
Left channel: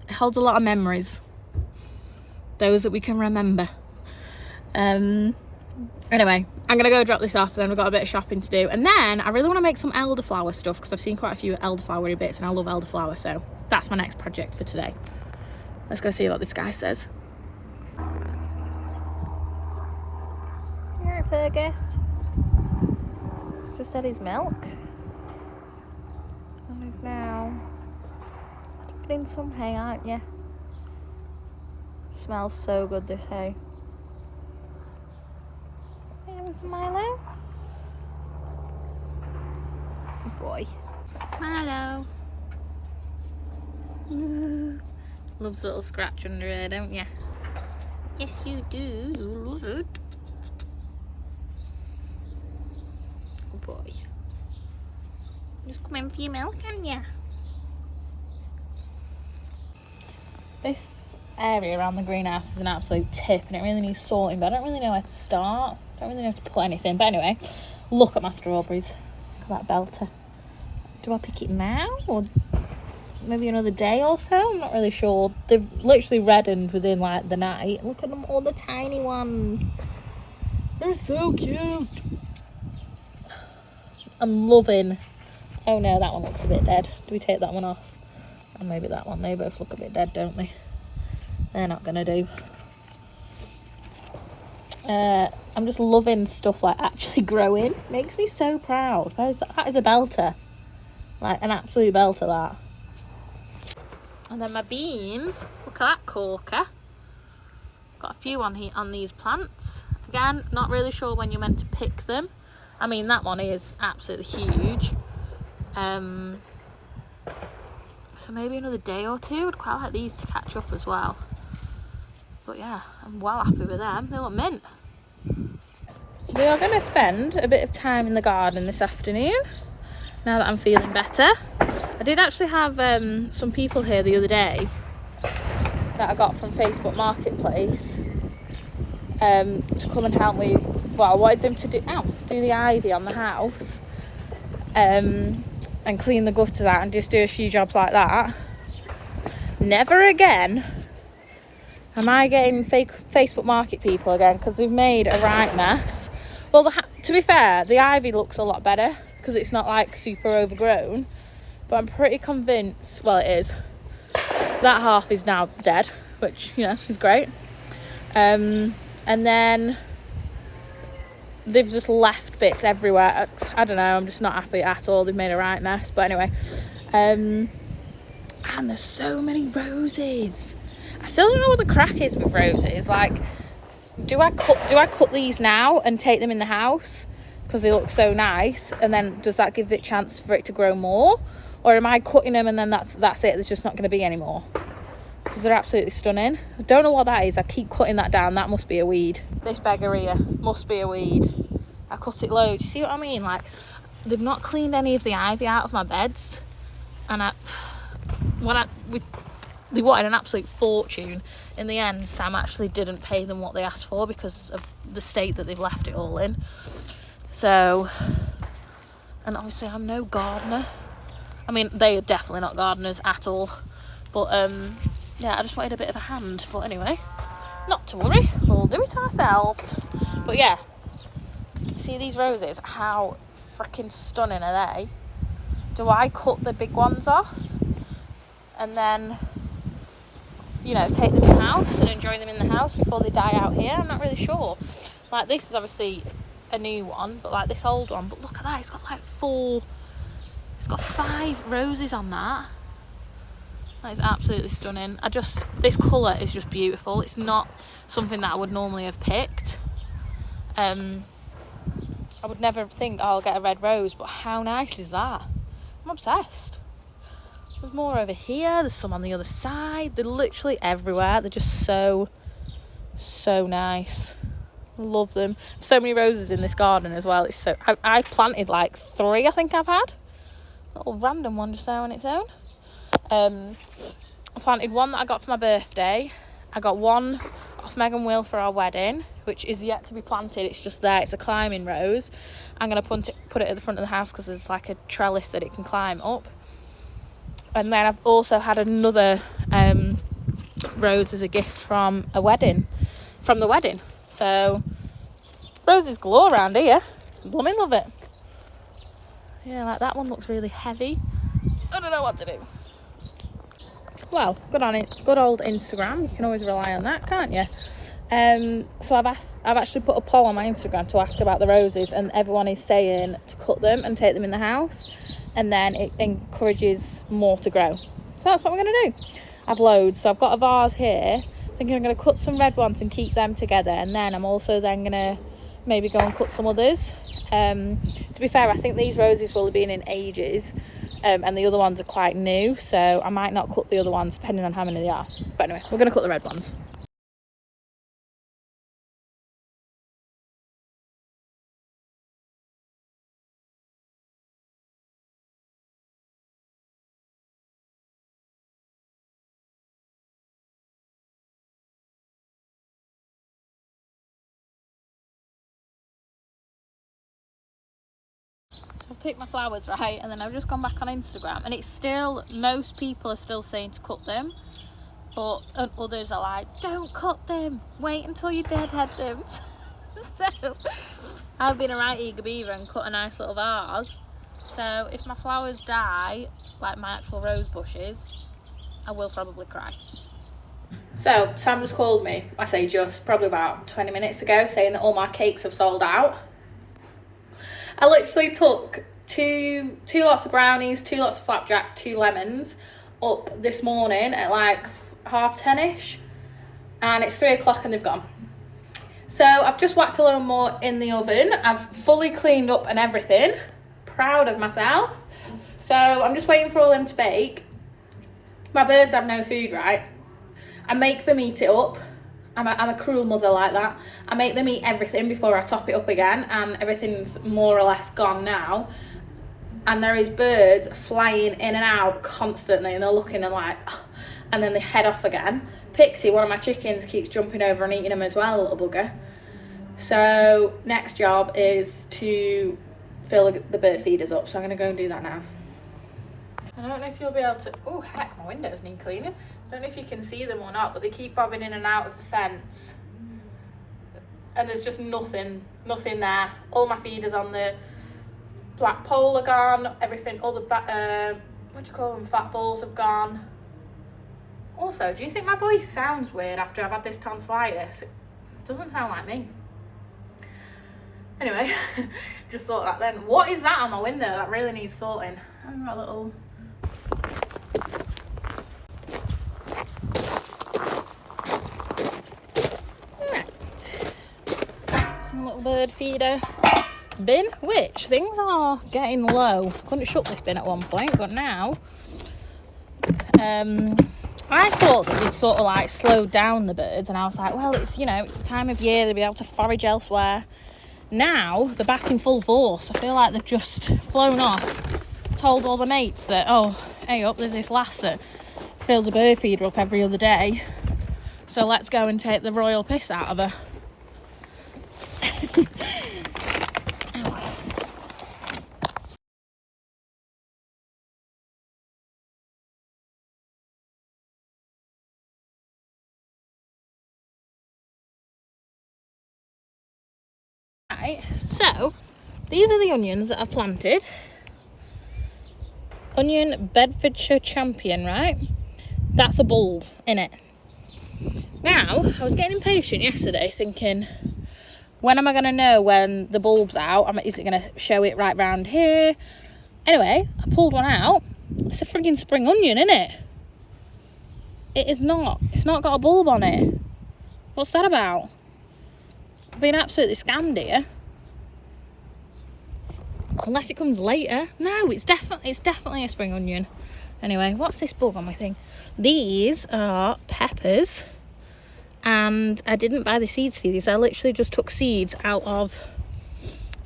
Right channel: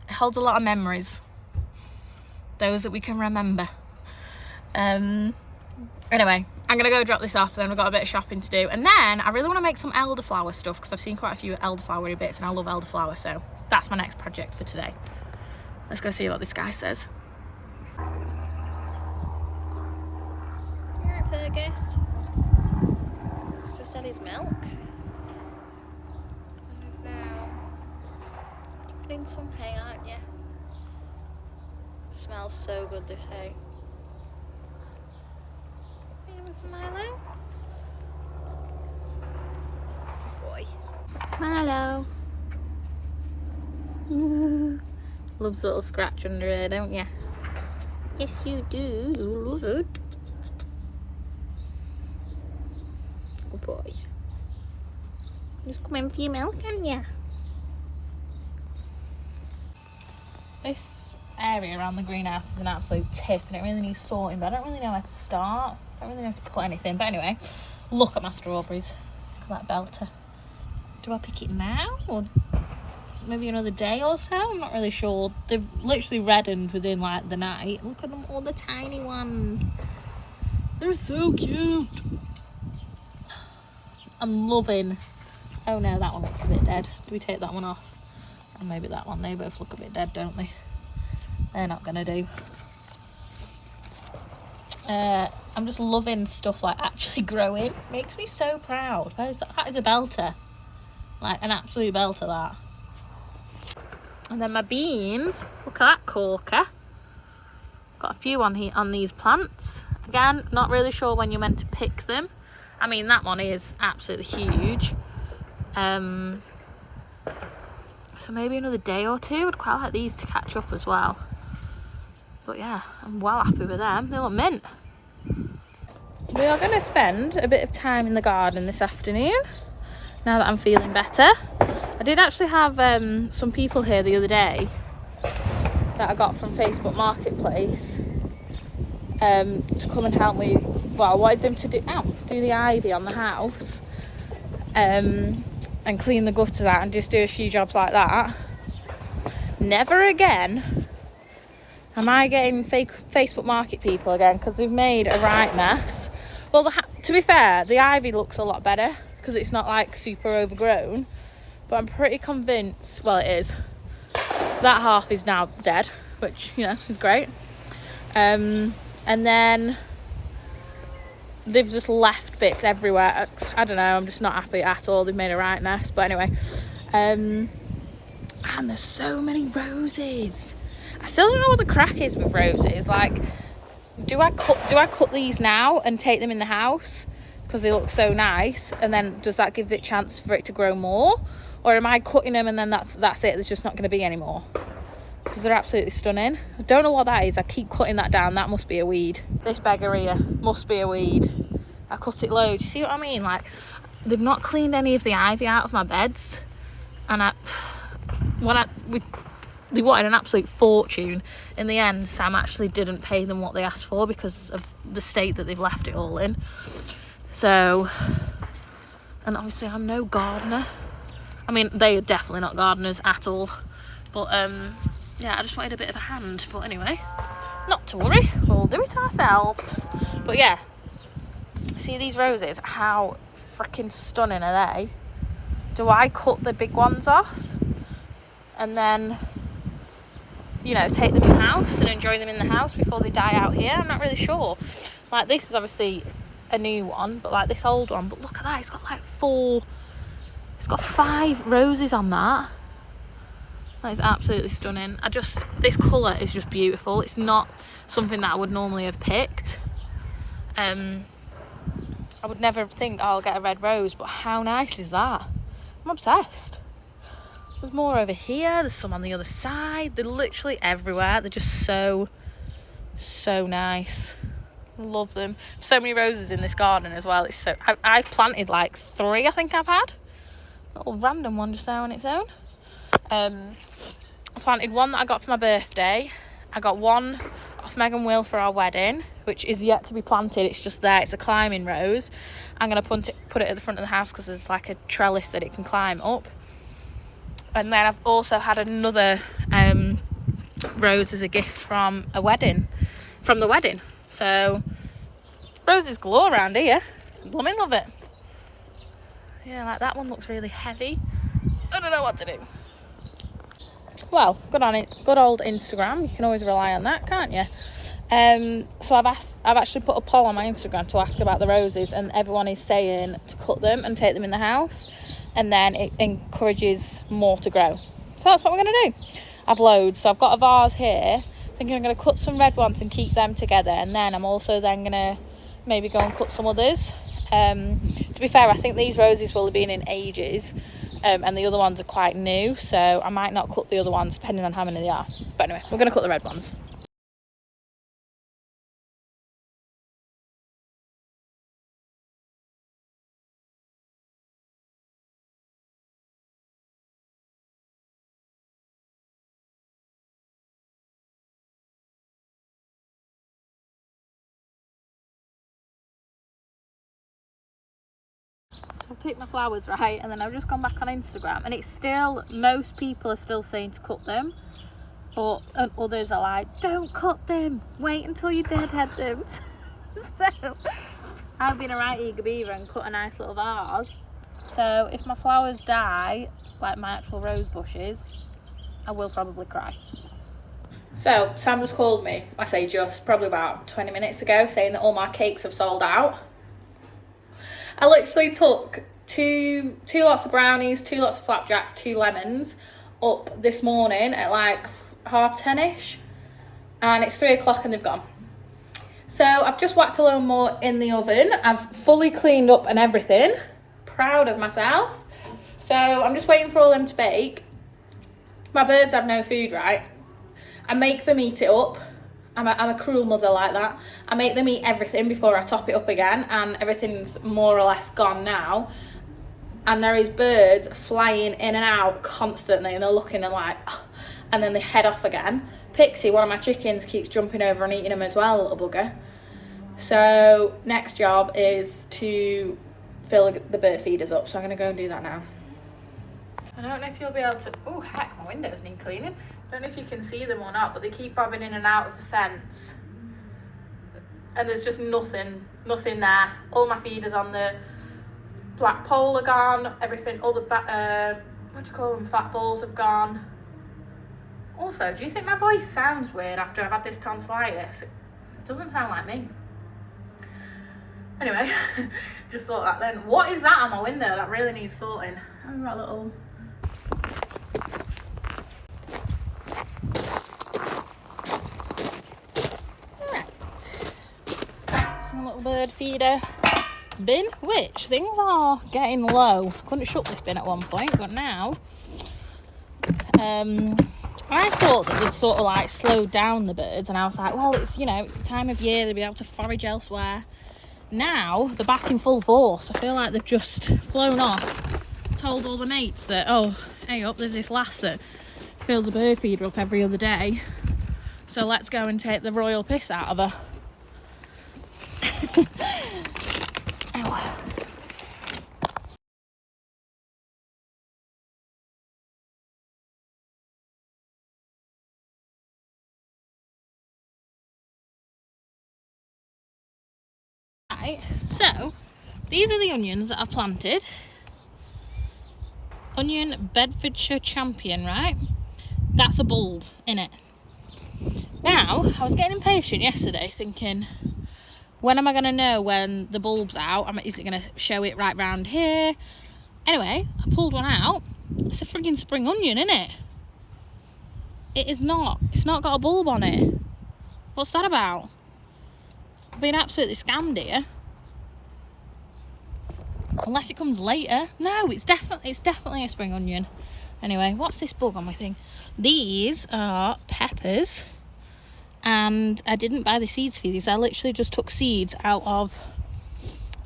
It holds a lot of memories, those that we can remember. Anyway, I'm gonna go drop this off, then we've got a bit of shopping to do, and then I really want to make some elderflower stuff because I've seen quite a few elderflowery bits and I love elderflower, so that's my next project for today. Let's go see what this guy says. Alright, Fergus. He's just had his milk and he's now dipping in some hay, aren't you? Smells so good, this hay. Milo. Good boy. Milo. Loves a little scratch under here, don't you? Yes, you do. You love it. Good boy. Just come in for your milk, can you? This area around the greenhouse is an absolute tip and it really needs sorting, but I don't really know where to start. I don't really know how to put anything, but anyway, look at my strawberries. Look at that belter. Do I pick it now or maybe another day or so? I'm not really sure. They've literally reddened within like the night. Look at them, all the tiny ones. They're so cute. I'm loving. Oh no, that one looks a bit dead. Do we take that one off? And maybe that one. They both look a bit dead, don't they? They're not gonna do. I'm just loving stuff like actually growing. Makes me so proud. That is a belter. Like an absolute belter, that. And then my beans. Look at that corker. Got a few on these plants. Again, not really sure when you're meant to pick them. I mean, that one is absolutely huge. So maybe another day or two. I'd quite like these to catch up as well. But yeah, I'm well happy with them. They look mint. We are going to spend a bit of time in the garden this afternoon, now that I'm feeling better. I did actually have some people here the other day that I got from Facebook Marketplace to come and help me. Well, I wanted them to do the ivy on the house and clean the gutters out and just do a few jobs like that. Never again am I getting fake Facebook Market people again, because they've made a right mess. Well, to be fair, the ivy looks a lot better because it's not like super overgrown, but I'm pretty convinced, well, it is. That half is now dead, which, you know, is great. And then they've just left bits everywhere. I don't know, I'm just not happy at all. They've made a right mess, but anyway. And there's so many roses. I still don't know what the crack is with roses. Like, do I cut these now and take them in the house because they look so nice, and then does that give it a chance for it to grow more, or am I cutting them and then that's it, there's just not going to be any more? Because they're absolutely stunning. I don't know what that is. I keep cutting that down. That must be a weed. This beggar here must be a weed. I cut it loads. See what I mean? Like, they've not cleaned any of the ivy out of my beds, and they wanted an absolute fortune. In the end, Sam actually didn't pay them what they asked for because of the state that they've left it all in. So, and obviously I'm no gardener. I mean, they are definitely not gardeners at all. But yeah, I just wanted a bit of a hand. But anyway, not to worry, we'll do it ourselves. But yeah, see these roses? How freaking stunning are they? Do I cut the big ones off and then, you know, take them in the house and enjoy them in the house before they die out here? I'm not really sure. Like, this is obviously a new one, but like this old one, but look at that, it's got like 5 roses on that. That is absolutely stunning. This colour is just beautiful. It's not something that I would normally have picked. I would never think, oh, I'll get a red rose, but how nice is that? I'm obsessed. There's more over here, there's some on the other side. They're literally everywhere. They're just so nice. Love them. So many roses in this garden as well. It's so I've planted like 3, I think I've had. A little random one just there on its own. I planted one that I got for my birthday. I got one off Megan Will for our wedding, which is yet to be planted. It's just there. It's a climbing rose. I'm going to put it at the front of the house because there's like a trellis that it can climb up. And then I've also had another rose as a gift from the wedding. So roses galore around here. Women love it. Yeah, like that one looks really heavy. I don't know what to do. Well, good on it. Good old Instagram. You can always rely on that, can't you? So I've actually put a poll on my Instagram to ask about the roses, and everyone is saying to cut them and take them in the house, and then it encourages more to grow. So that's what we're going to do. I've loads. So I've got a vase here. Thinking I'm going to cut some red ones and keep them together, and then I'm also then going to maybe go and cut some others. To be fair, I think these roses will have been in ages. And the other ones are quite new, so I might not cut the other ones depending on how many they are. But anyway, we're going to cut the red ones. I've picked my flowers right, and then I've just gone back on Instagram, and it's still, most people are still saying to cut them, but and others are like, don't cut them, wait until you deadhead them. So I've been a right eager beaver and cut a nice little vase. So if my flowers die, like my actual rose bushes, I will probably cry. So Sam just called me, I say just, probably about 20 minutes ago, saying that all my cakes have sold out. I literally took two lots of brownies, 2 lots of flapjacks, 2 lemons up this morning at like 10:30ish, and it's 3 o'clock and they've gone. So I've just whacked a little more in the oven. I've fully cleaned up and everything. Proud of myself. So I'm just waiting for all them to bake. My birds have no food, right? I make them eat it up. I'm a cruel mother like that. I make them eat everything before I top it up again, and everything's more or less gone now. And there is birds flying in and out constantly, and they're looking and like, oh, and then they head off again. Pixie, one of my chickens, keeps jumping over and eating them as well, little bugger. So next job is to fill the bird feeders up, so I'm going to go and do that now. I don't know if you'll be able to... Oh, heck, my windows need cleaning. I don't know if you can see them or not, but they keep bobbing in and out of the fence. And there's just nothing there. All my feeders on the black pole are gone. Everything, all the, what do you call them, fat balls have gone. Also, do you think my voice sounds weird after I've had this tonsillitis? It doesn't sound like me. Anyway, just thought that then. What is that on my window? That really needs sorting. I've got a little... bird feeder bin, which things are getting low. Couldn't shut this bin at one point, but now I thought that we'd sort of like slow down the birds, and I was like, well, it's, you know, it's the time of year, they'll be able to forage elsewhere. Now they're back in full force. I feel like they've just flown off, told all the mates that, oh, hey up, there's this lass that fills a bird feeder up every other day, so let's go and take the royal piss out of her. Right, so these are the onions that I've planted. Onion Bedfordshire Champion, right? That's a bulb in it. Now, I was getting impatient yesterday thinking, when am I going to know when the bulb's out? Is it going to show it right round here? Anyway, I pulled one out. It's a frigging spring onion, isn't it? It is not. It's not got a bulb on it. What's that about? I've been absolutely scammed here. Unless it comes later. No, it's definitely a spring onion. Anyway, what's this bug on my thing? These are peppers. And I didn't buy the seeds for these. I literally just took seeds out of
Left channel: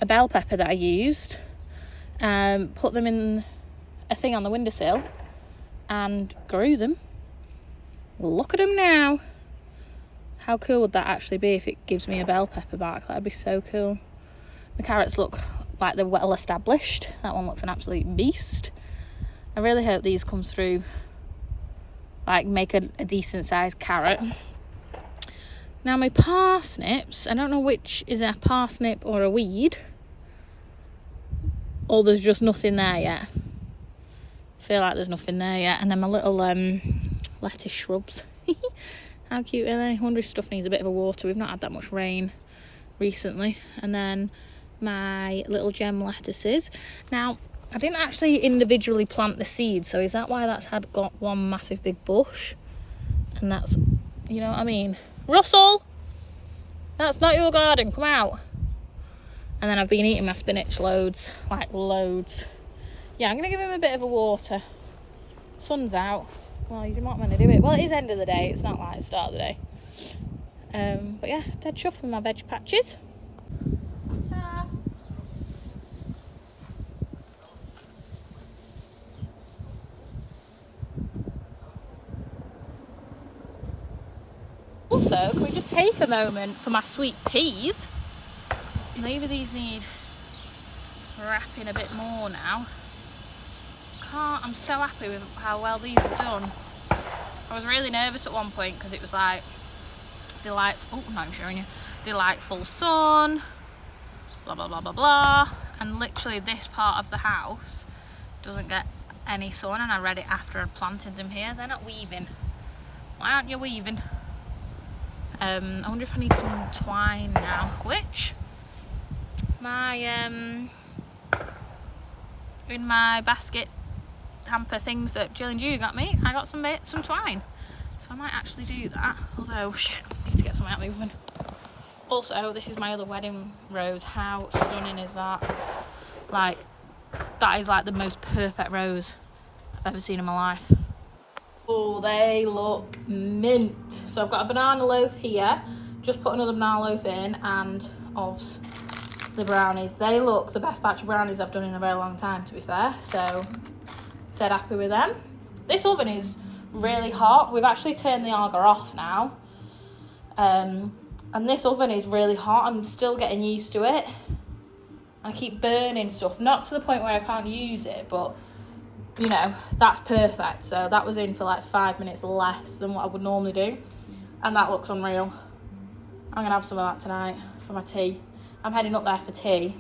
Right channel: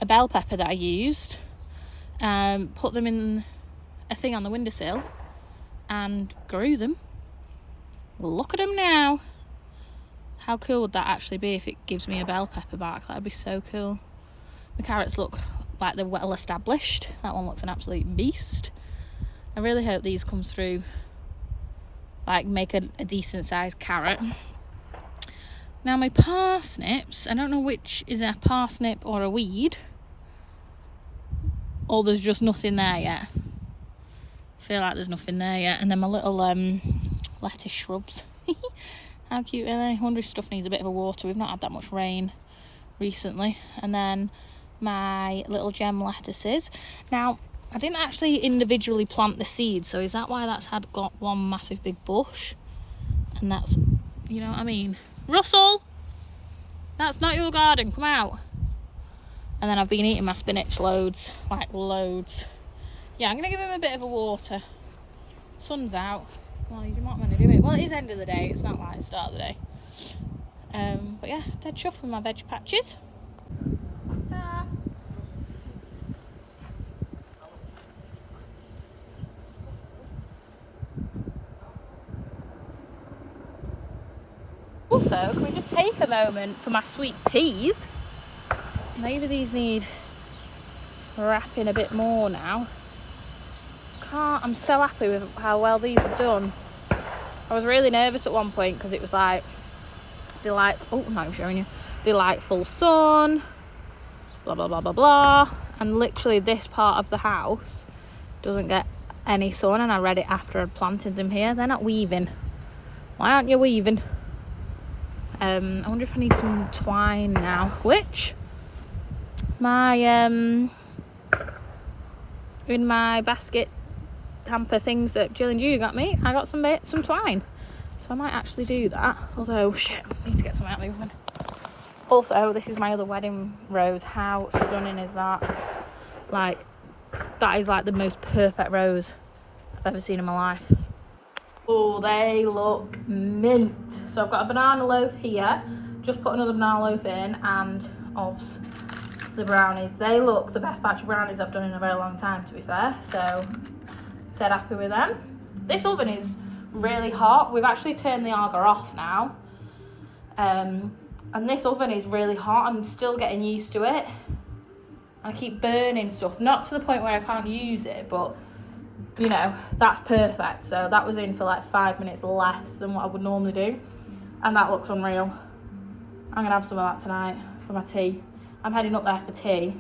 a bell pepper that I used. Put them in a thing on the windowsill and grew them. Look at them now. How cool would that actually be if it gives me a bell pepper back? That'd be so cool. The carrots look like they're well established. That one looks an absolute beast. I really hope these come through, like make a decent sized carrot. Now my parsnips, I don't know which is a parsnip or a weed, or there's just nothing there yet. I feel like there's nothing there yet. And then my little lettuce shrubs. How cute are they? I wonder if stuff needs a bit of a water. We've not had that much rain recently. And then my little gem lettuces. Now, I didn't actually individually plant the seeds, so is that why that's got one massive big bush? And that's, you know what I mean? Russell! That's not your garden, come out. And then I've been eating my spinach loads, like loads. Yeah, I'm gonna give him a bit of a water. Sun's out. Well, you might want to do it. Well, it is end of the day, it's not like the start of the day. But yeah, dead chuff with my veg patches. Ah. Also, can we just take a moment for my sweet peas? Maybe these need wrapping a bit more now. I'm so happy with how well these have done. I was really nervous at one point because it was like delightful, no, I'm showing you, delightful sun, blah blah blah blah blah, and literally this part of the house doesn't get any sun, and I read it after I'd planted them here. They're not weaving. Why aren't you weaving? I wonder if I need some twine now, which my in my basket hamper things that Jill and Judy got me, I got some twine, so I might actually do that. Although shit, I need to get something out of the oven. Also, this is my other wedding rose. How stunning is that? Like, that is like the most perfect rose I've ever seen in my life. Oh, they look mint. So I've got a banana loaf here, just put another banana loaf in, and ovs, the brownies. They look the best batch of brownies I've done in a very long time, to be fair, so dead happy with them. This oven is really hot. We've actually turned the Arga off now, and this oven is really hot. I'm still getting used to it. I keep burning stuff, not to the point where I can't use it, but you know, that's perfect. So that was in for like 5 minutes less than what I would normally do, and that looks unreal. I'm gonna have some of that tonight for my tea. I'm heading up there for tea.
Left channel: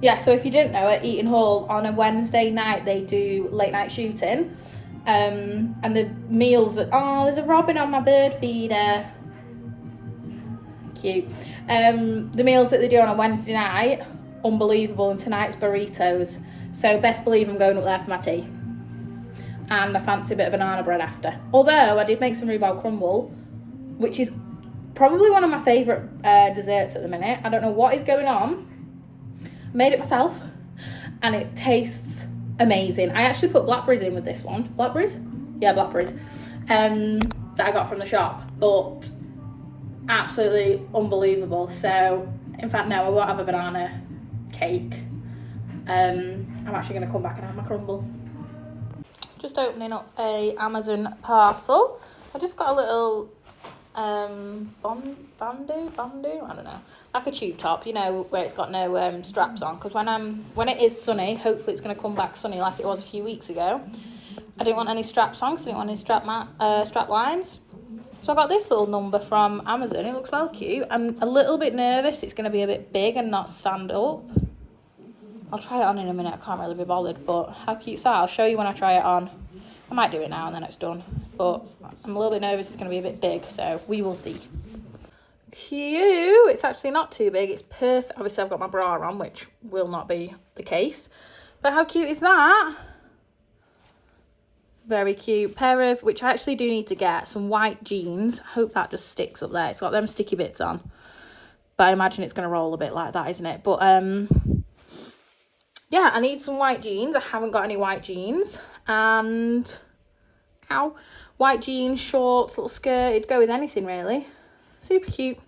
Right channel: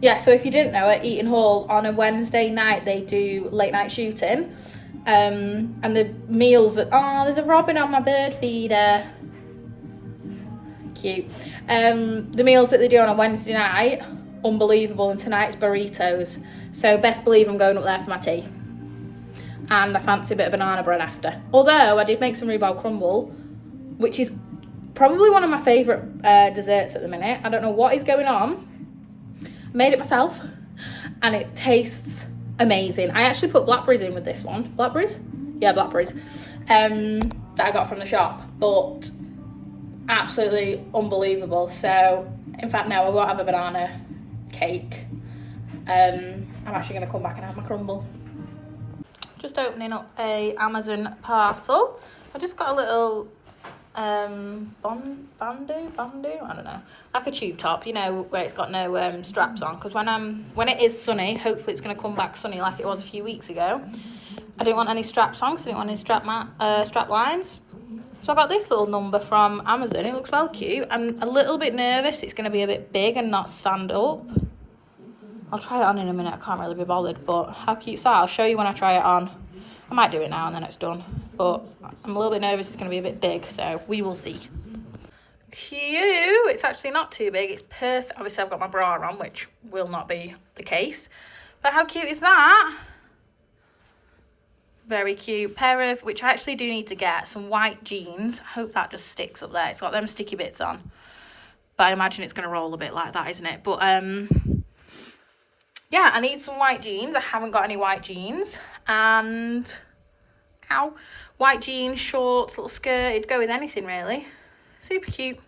Yeah, so if you didn't know, at Eaton Hall on a Wednesday night they do late night shooting, and the meals that, oh, there's a robin on my bird feeder, cute. The meals that they do on a Wednesday night, unbelievable, and tonight's burritos, so best believe I'm going up there for my tea, and I fancy a bit of banana bread after. Although I did make some rhubarb crumble, which is probably one of my favourite desserts at the minute. I don't know what is going on. Made it myself and it tastes amazing. I actually put blackberries in with this one. Blackberries? Yeah, blackberries. That I got from the shop, but absolutely unbelievable. So in fact, no, I won't have a banana cake. I'm actually going to come back and have my crumble. Just opening up a Amazon parcel. I just got a little bandu, I don't know, like a tube top, you know, where it's got no straps on, because when it is sunny, hopefully it's going to come back sunny like it was a few weeks ago. I didn't want any straps on because I didn't want any strap lines, so I got this little number from Amazon. It looks well cute. I'm a little bit nervous it's going to be a bit big and not stand up. I'll try it on in a minute. I can't really be bothered, but how cute is that? I'll show you when I try it on. I might do it now and then it's done, but I'm a little bit nervous it's going to be a bit big, so we will see. Cute. It's actually not too big. It's perfect. Obviously, I've got my bra on, which will not be the case. But how cute is that? Very cute. Pair of, which I actually do need to get, some white jeans. Hope that just sticks up there. It's got them sticky bits on. but I imagine it's going to roll a bit like that, isn't it? But yeah, I need some white jeans. I haven't got any white jeans. And white jeans, shorts, little skirt. It'd go with anything really. Super cute.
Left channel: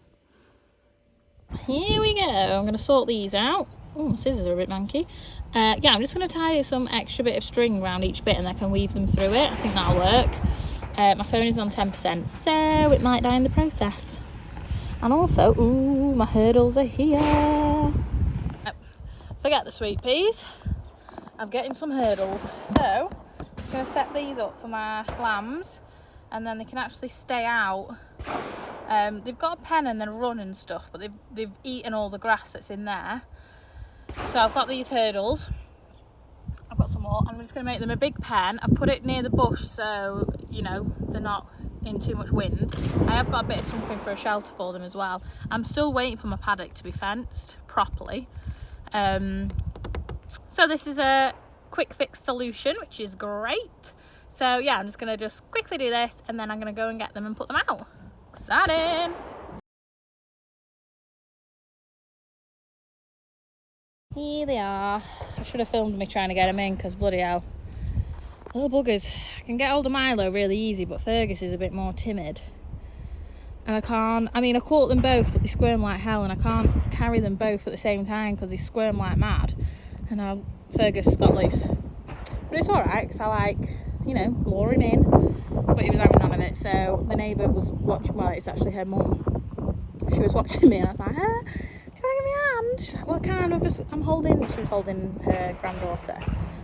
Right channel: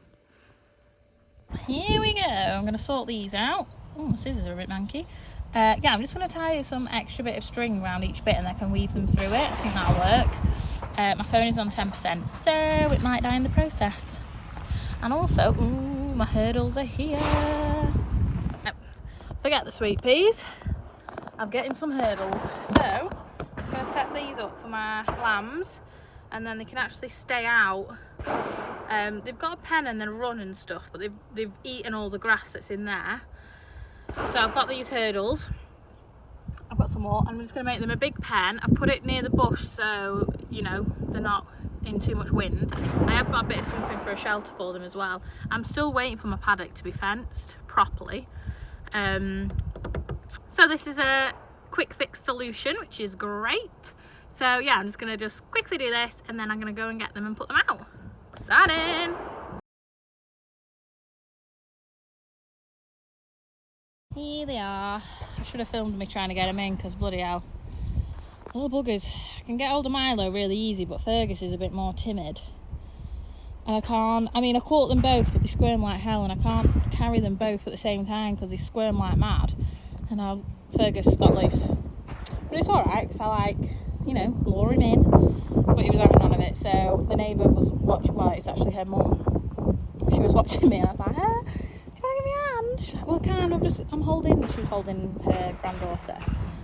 Here we go. I'm going to sort these out. Oh, my scissors are a bit manky. Yeah, I'm just going to tie some extra bit of string around each bit and I can weave them through it. I think that'll work. My phone is on 10%, so it might die in the process. And also, ooh, my hurdles are here. Forget the sweet peas. I'm getting some hurdles. So, I'm just going to set these up for my lambs and then they can actually stay out. They've got a pen and then run and stuff, but they've eaten all the grass that's in there. So I've got these hurdles. I've got some more. I'm just going to make them a big pen. I've put it near the bush so, you know, they're not in too much wind. I have got a bit of something for a shelter for them as well. I'm still waiting for my paddock to be fenced properly. So this is a quick fix solution, which is great. So yeah, I'm just going to just quickly do this and then I'm going to go and get them and put them out. Exciting! Here they are. I should have filmed me trying to get them in because bloody hell. Little buggers. I can get hold of Milo really easy, but Fergus is a bit more timid. And I caught them both, but they squirm like hell and I can't carry them both at the same time because they squirm like mad. And now Fergus got loose. But it's alright because I like, you know, lure him in. But he was having none of it, so the neighbour was watching, well, it's actually her mum. She was watching me and I was like, well, I'm holding, she was holding her granddaughter.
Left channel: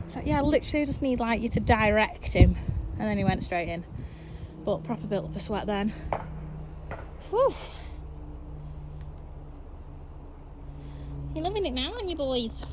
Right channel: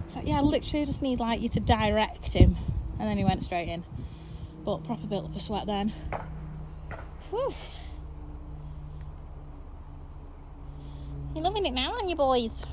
So yeah, I literally just need like you to direct him. And then he went straight in. But proper built up a sweat then. Whew. You're loving it now, aren't you boys?